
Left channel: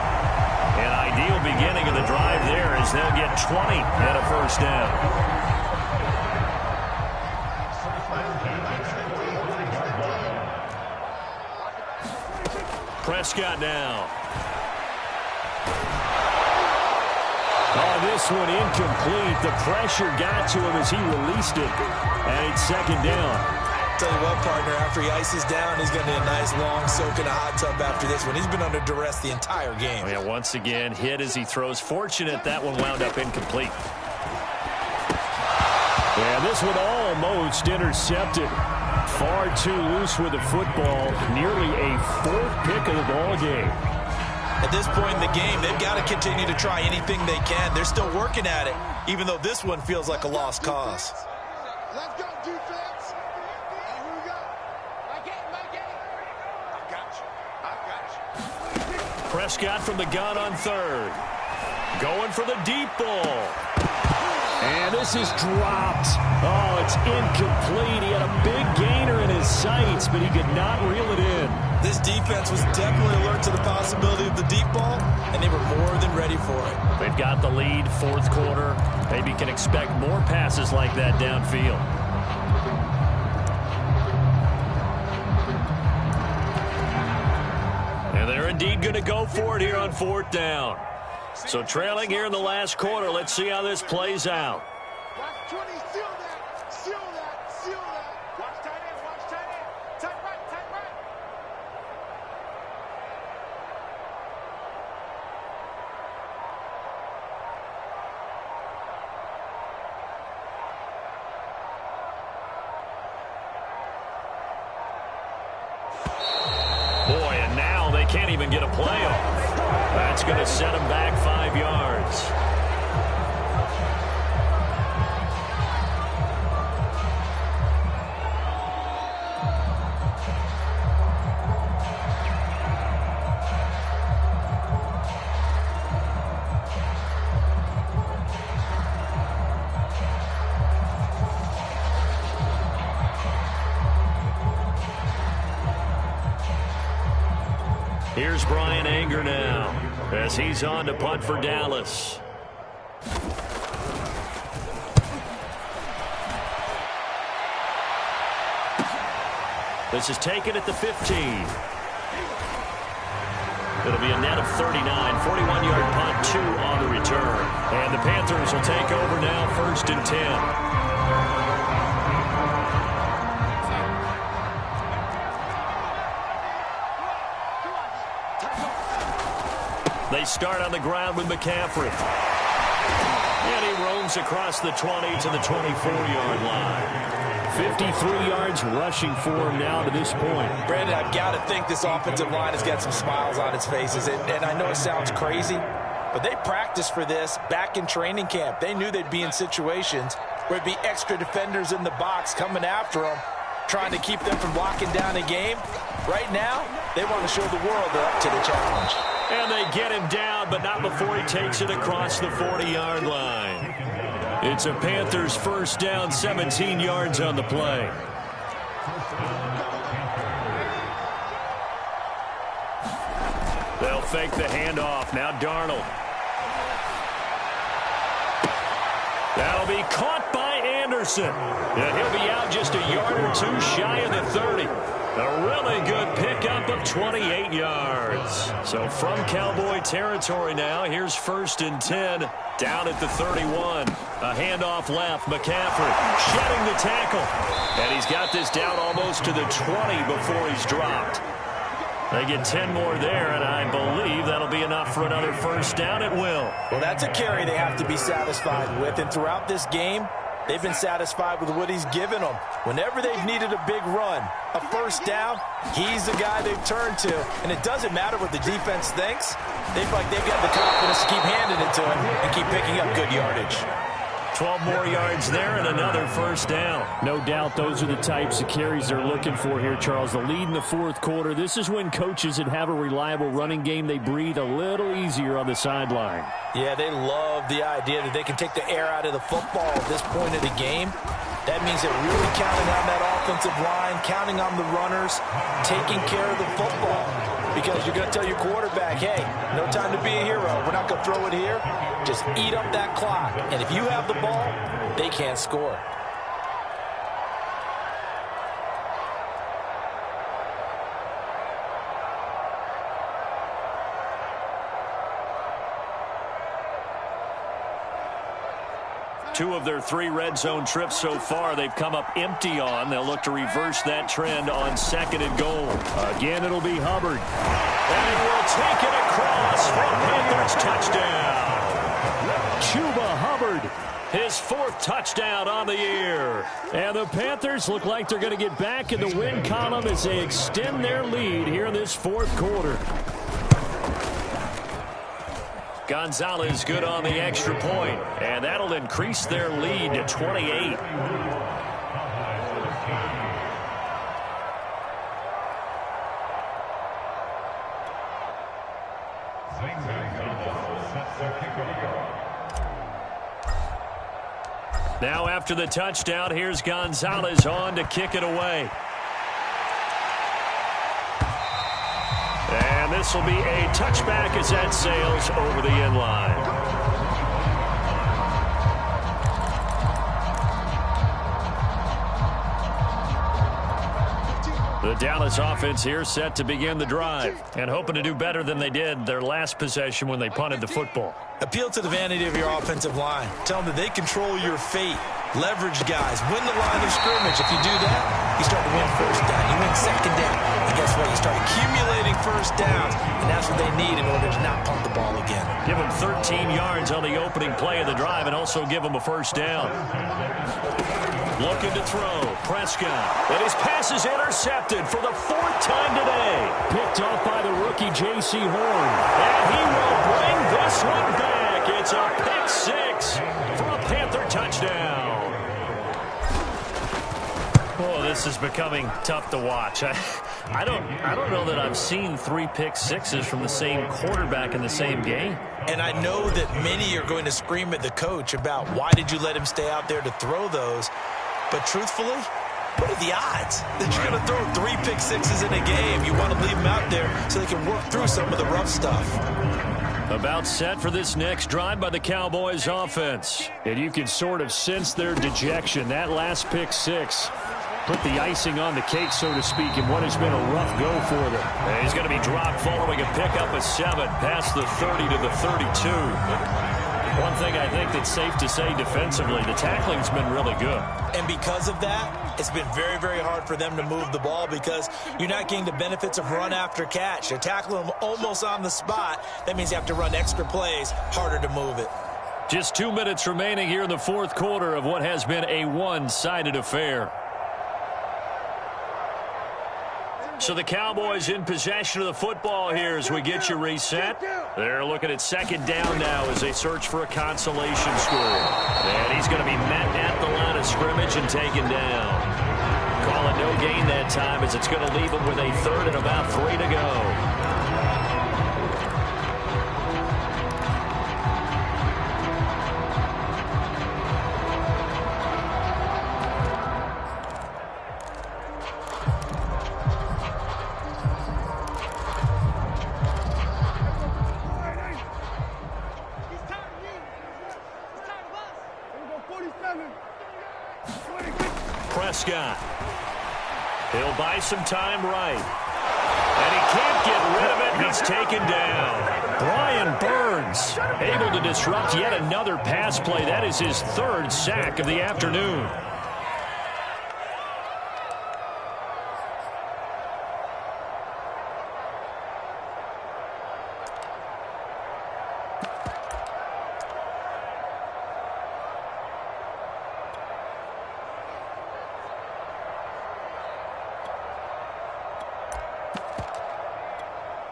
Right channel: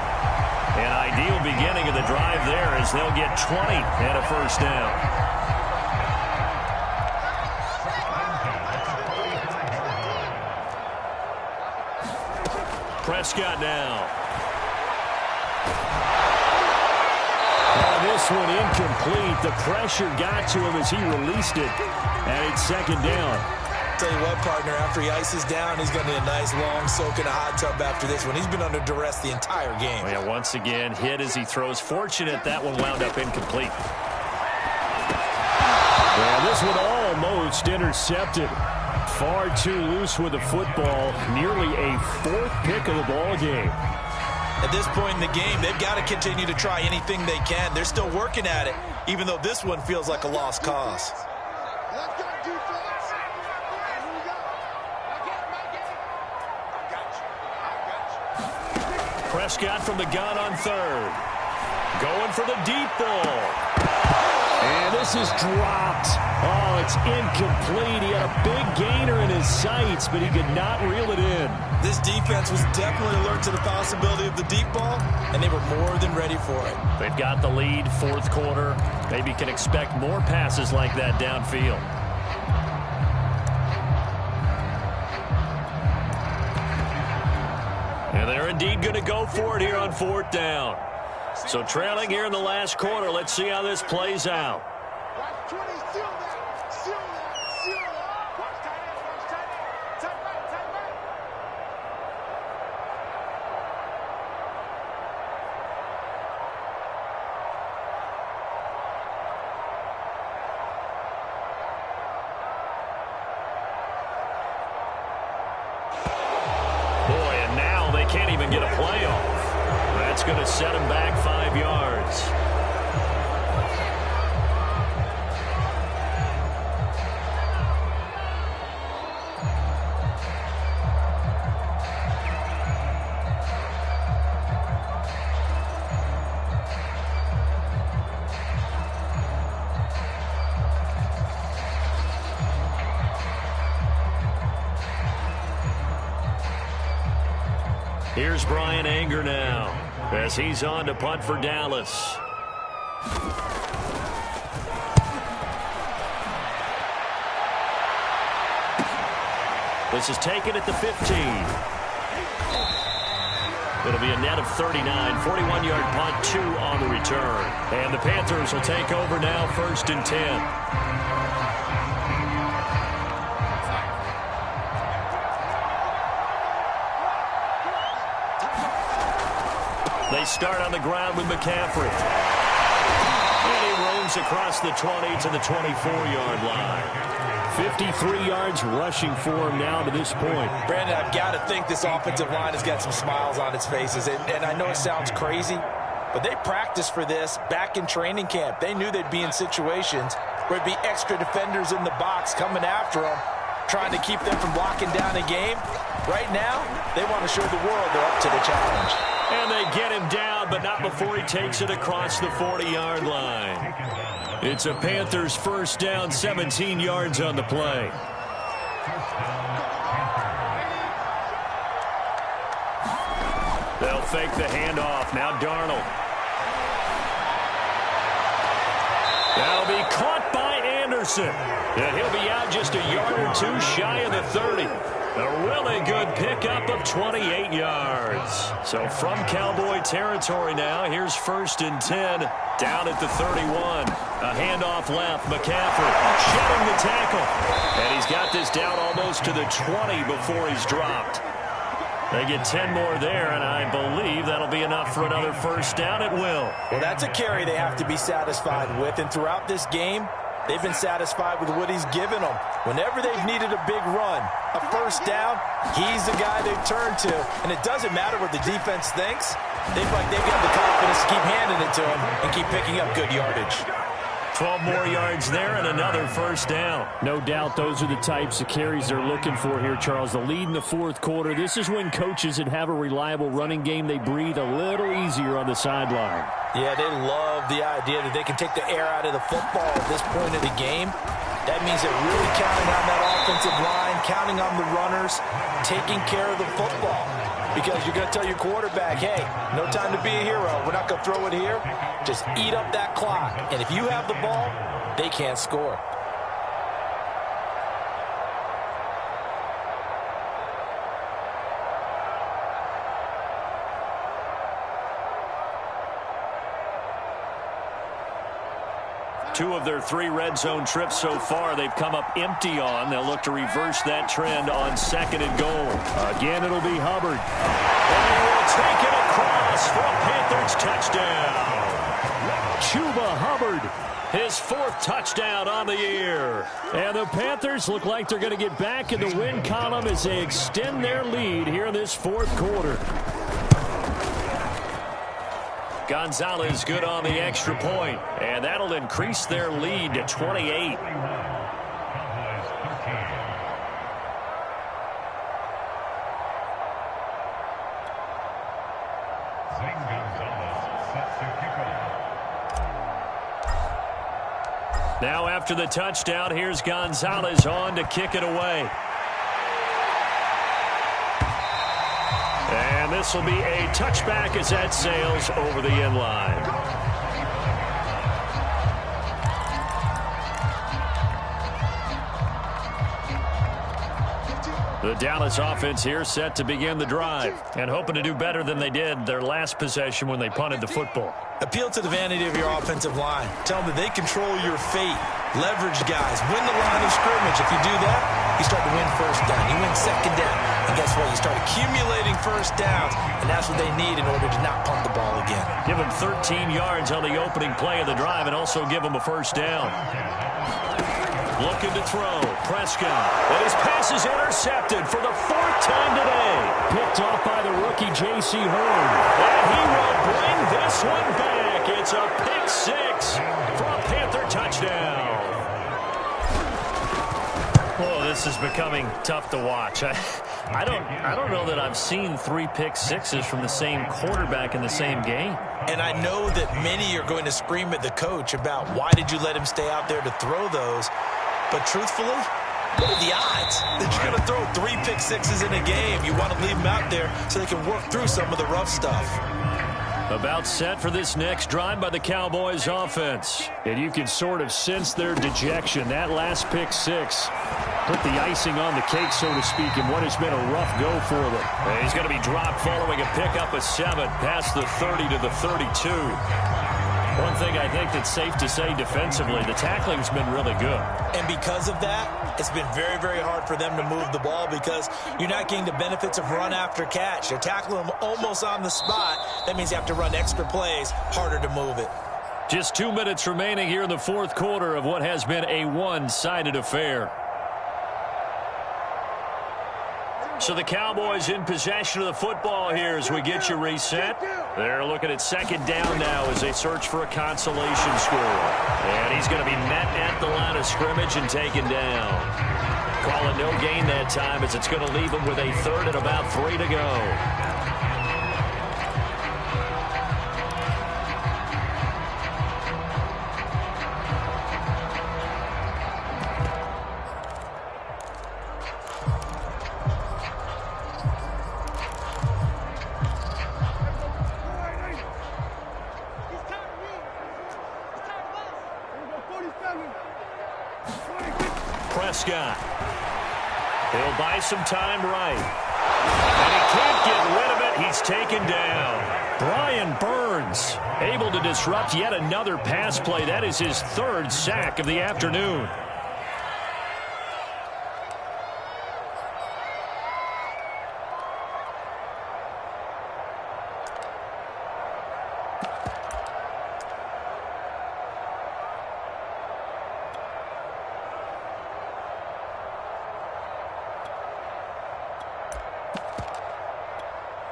An ideal beginning of the drive there as they'll get 20 and a first down. Prescott now. Oh, this one incomplete. The pressure got to him as he released it. And it's second down. Tell you what, partner, after he ices down, he's going to need a nice long soak in a hot tub after this one. He's been under duress the entire game. Yeah, once again, hit as he throws. Fortunate that one wound up incomplete. Yeah, this one almost intercepted. Far too loose with the football. Nearly a fourth pick of the ball game. At this point in the game, they've got to continue to try anything they can. They're still working at it, even though this one feels like a lost cause. Let's go, defense. And here we go. My game. I got you. Prescott from the gun on third. Going for the deep ball. And this is dropped. Oh, it's incomplete. He had a big gainer in his sights, but he could not reel it in. This defense was definitely alert to the possibility of the deep ball, and they were more than ready for it. They've got the lead, fourth quarter. Maybe can expect more passes like that downfield. And they're indeed going to go for it here on fourth down. So trailing here in the last quarter. Let's see how this plays out. Watch 20, seal that. Seal that. Watch tight end. Tight right. Boy, and now they can't even get a play off. That's going to set them back 5 yards. Here's Brian Anger now as he's on to punt for Dallas. This is taken at the 15. It'll be a net of 39, 41-yard punt, 2 on the return. And the Panthers will take over now, 1st and 10. They start on the ground with McCaffrey. And he roams across the 20 to the 24-yard line. 53 yards rushing for him now to this point. Brandon, I've got to think this offensive line has got some smiles on its faces. And I know it sounds crazy, but they practiced for this back in training camp. They knew they'd be in situations where there'd be extra defenders in the box coming after them, trying to keep them from locking down a game. Right now, they want to show the world they're up to the challenge. And they get him down, but not before he takes it across the 40-yard line. It's a Panthers first down, 17 yards on the play. They'll fake the handoff. Now Darnold. That'll be caught by Anderson. And he'll be out just a yard or two shy of the 30. A really good pickup of 28 yards. So from Cowboy territory now, here's 1st and 10 down at the 31. A handoff left. McCaffrey shedding the tackle. And he's got this down almost to the 20 before he's dropped. They get 10 more there, and I believe that'll be enough for another first down. It will. Well, that's a carry they have to be satisfied with. And throughout this game, they've been satisfied with what he's given them. Whenever they've needed a big run, a first down, he's the guy they've turned to. And it doesn't matter what the defense thinks. They've got the confidence to keep handing it to him and keep picking up good yardage. 12 more yards there and another first down. No doubt those are the types of carries they're looking for here, Charles. The lead in the fourth quarter. This is when coaches that have a reliable running game, they breathe a little easier on the sideline. Yeah, they love the idea that they can take the air out of the football at this point of the game. That means they're really counting on that offensive line, counting on the runners, taking care of the football. Because you're going to tell your quarterback, hey, no time to be a hero. We're not going to throw it here. Just eat up that clock. And if you have the ball, they can't score. Two of their 3 red zone trips so far, they've come up empty on. They'll look to reverse that trend on 2nd and goal. Again, it'll be Hubbard. And he will take it across for a Panthers touchdown. Chuba Hubbard. His 4th touchdown on the year. And the Panthers look like they're going to get back in the win column as they extend their lead here in this fourth quarter. Gonzalez good on the extra point, and that'll increase their lead to 28. Now after the touchdown, here's Gonzalez on to kick it away. And this will be a touchback as that sails over the end line. The Dallas offense here set to begin the drive and hoping to do better than they did their last possession when they punted the football. Appeal to the vanity of your offensive line. Tell them that they control your fate. Leverage guys. Win the line of scrimmage. If you do that, you start to win first down. You win second down. And guess what? You start accumulating first downs. And that's what they need in order to not punt the ball again. Give them 13 yards on the opening play of the drive and also give them a first down. Looking to throw. Prescott. And his pass is intercepted for the 4th time today. Picked off by the rookie J.C. Horn. And he will bring this one back. It's a pick 6 for a Panther touchdown. Oh, this is becoming tough to watch. I don't know that I've seen 3 pick 6s from the same quarterback in the same game. And I know that many are going to scream at the coach about why did you let him stay out there to throw those. But truthfully, what are the odds that you're going to throw 3 pick 6s in a game? You want to leave them out there so they can work through some of the rough stuff. About set for this next drive by the Cowboys offense. And you can sort of sense their dejection. That last pick 6 put the icing on the cake, so to speak, in what has been a rough go for them. And he's going to be dropped following a pickup of 7 past the 30 to the 32. One thing I think that's safe to say defensively, the tackling's been really good. And because of that, it's been very, very hard for them to move the ball because you're not getting the benefits of run after catch. They're tackling them almost on the spot. That means you have to run extra plays, harder to move it. Just 2 minutes remaining here in the fourth quarter of what has been a one-sided affair. So the Cowboys in possession of the football here as we get you reset. They're looking at 2nd down now as they search for a consolation score. And he's going to be met at the line of scrimmage and taken down. Call it no gain that time as it's going to leave him with a 3rd and about 3 to go. Prescott. He'll buy some time right. And he can't get rid of it. He's taken down. Brian Burns able to disrupt yet another pass play. That is his 3rd sack of the afternoon.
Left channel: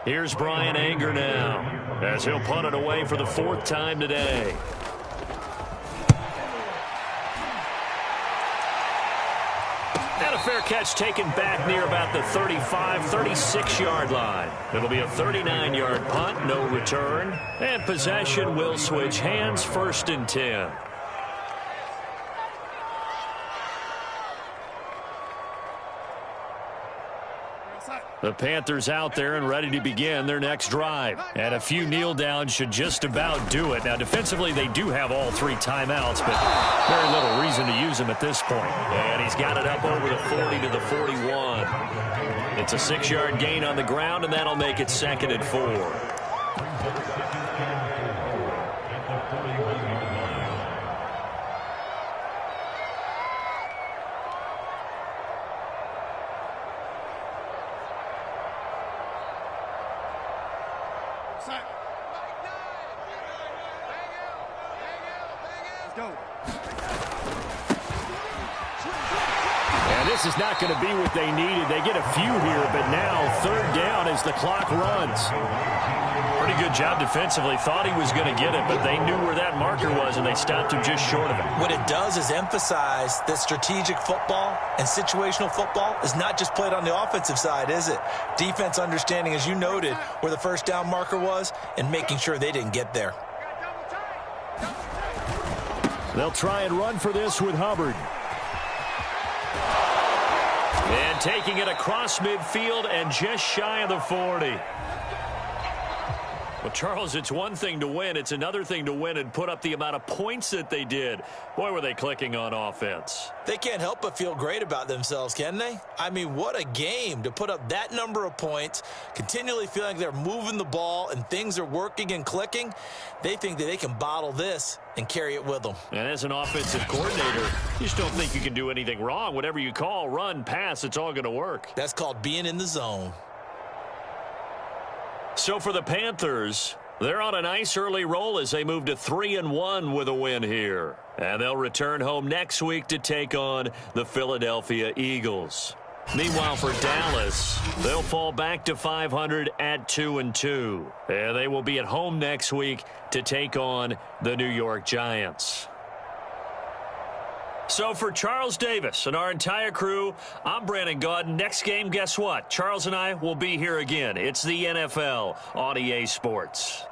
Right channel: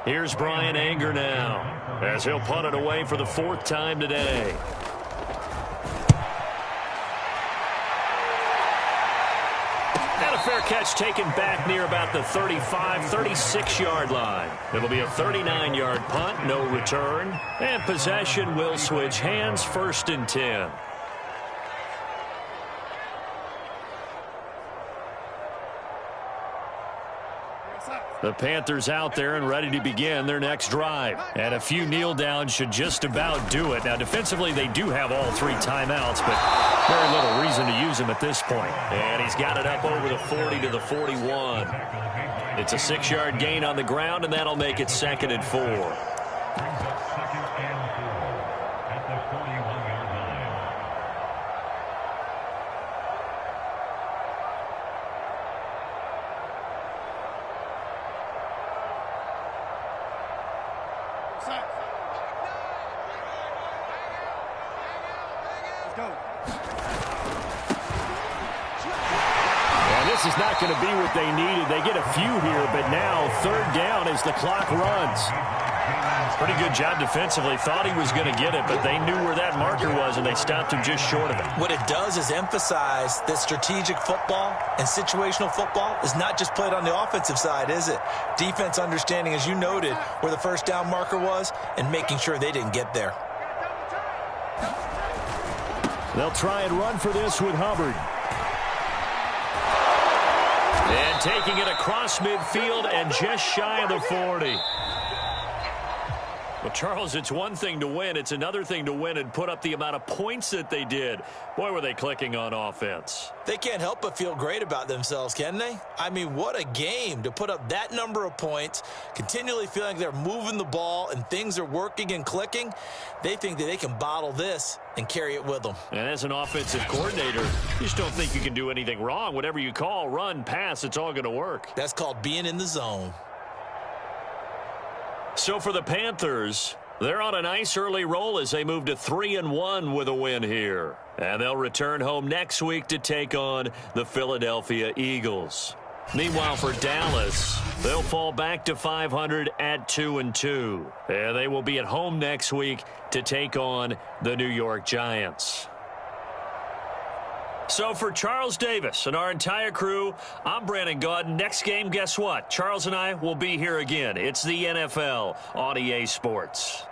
Here's Brian Anger now as he'll punt it away for the 4th time today. fair catch taken back near about the 35, 36-yard line. It'll be a 39-yard punt, no return. And possession will switch hands, 1st and 10. The Panthers out there and ready to begin their next drive. And a few kneel downs should just about do it. Now, defensively, they do have all 3 timeouts, but very little reason to use them at this point. And he's got it up over the 40 to the 41. It's a 6-yard gain on the ground, and that'll make it 2nd and 4. And this is not going to be what they needed. They get a few here, but now 3rd down as the clock runs. Pretty good job defensively. Thought he was going to get it, but they knew where that marker was, and they stopped him just short of it. What it does is emphasize that strategic football and situational football is not just played on the offensive side, is it? Defense understanding, as you noted, where the 1st down marker was and making sure they didn't get there. They'll try and run for this with Hubbard. And taking it across midfield and just shy of the 40. Well, Charles, it's one thing to win. It's another thing to win and put up the amount of points that they did. Boy, were they clicking on offense. They can't help but feel great about themselves, can they? I mean, what a game to put up that number of points, continually feeling like they're moving the ball and things are working and clicking. They think that they can bottle this and carry it with them. And as an offensive coordinator, you just don't think you can do anything wrong. Whatever you call, run, pass, it's all going to work. That's called being in the zone. So for the Panthers, they're on a nice early roll as they move to 3-1 with a win here. And they'll return home next week to take on the Philadelphia Eagles. Meanwhile, for Dallas, they'll fall back to 500 at 2-2. And they will be at home next week to take on the New York Giants. So for Charles Davis and our entire crew, I'm Brandon Gaudin. Next game, guess what? Charles and I will be here again. It's the NFL on EA Sports.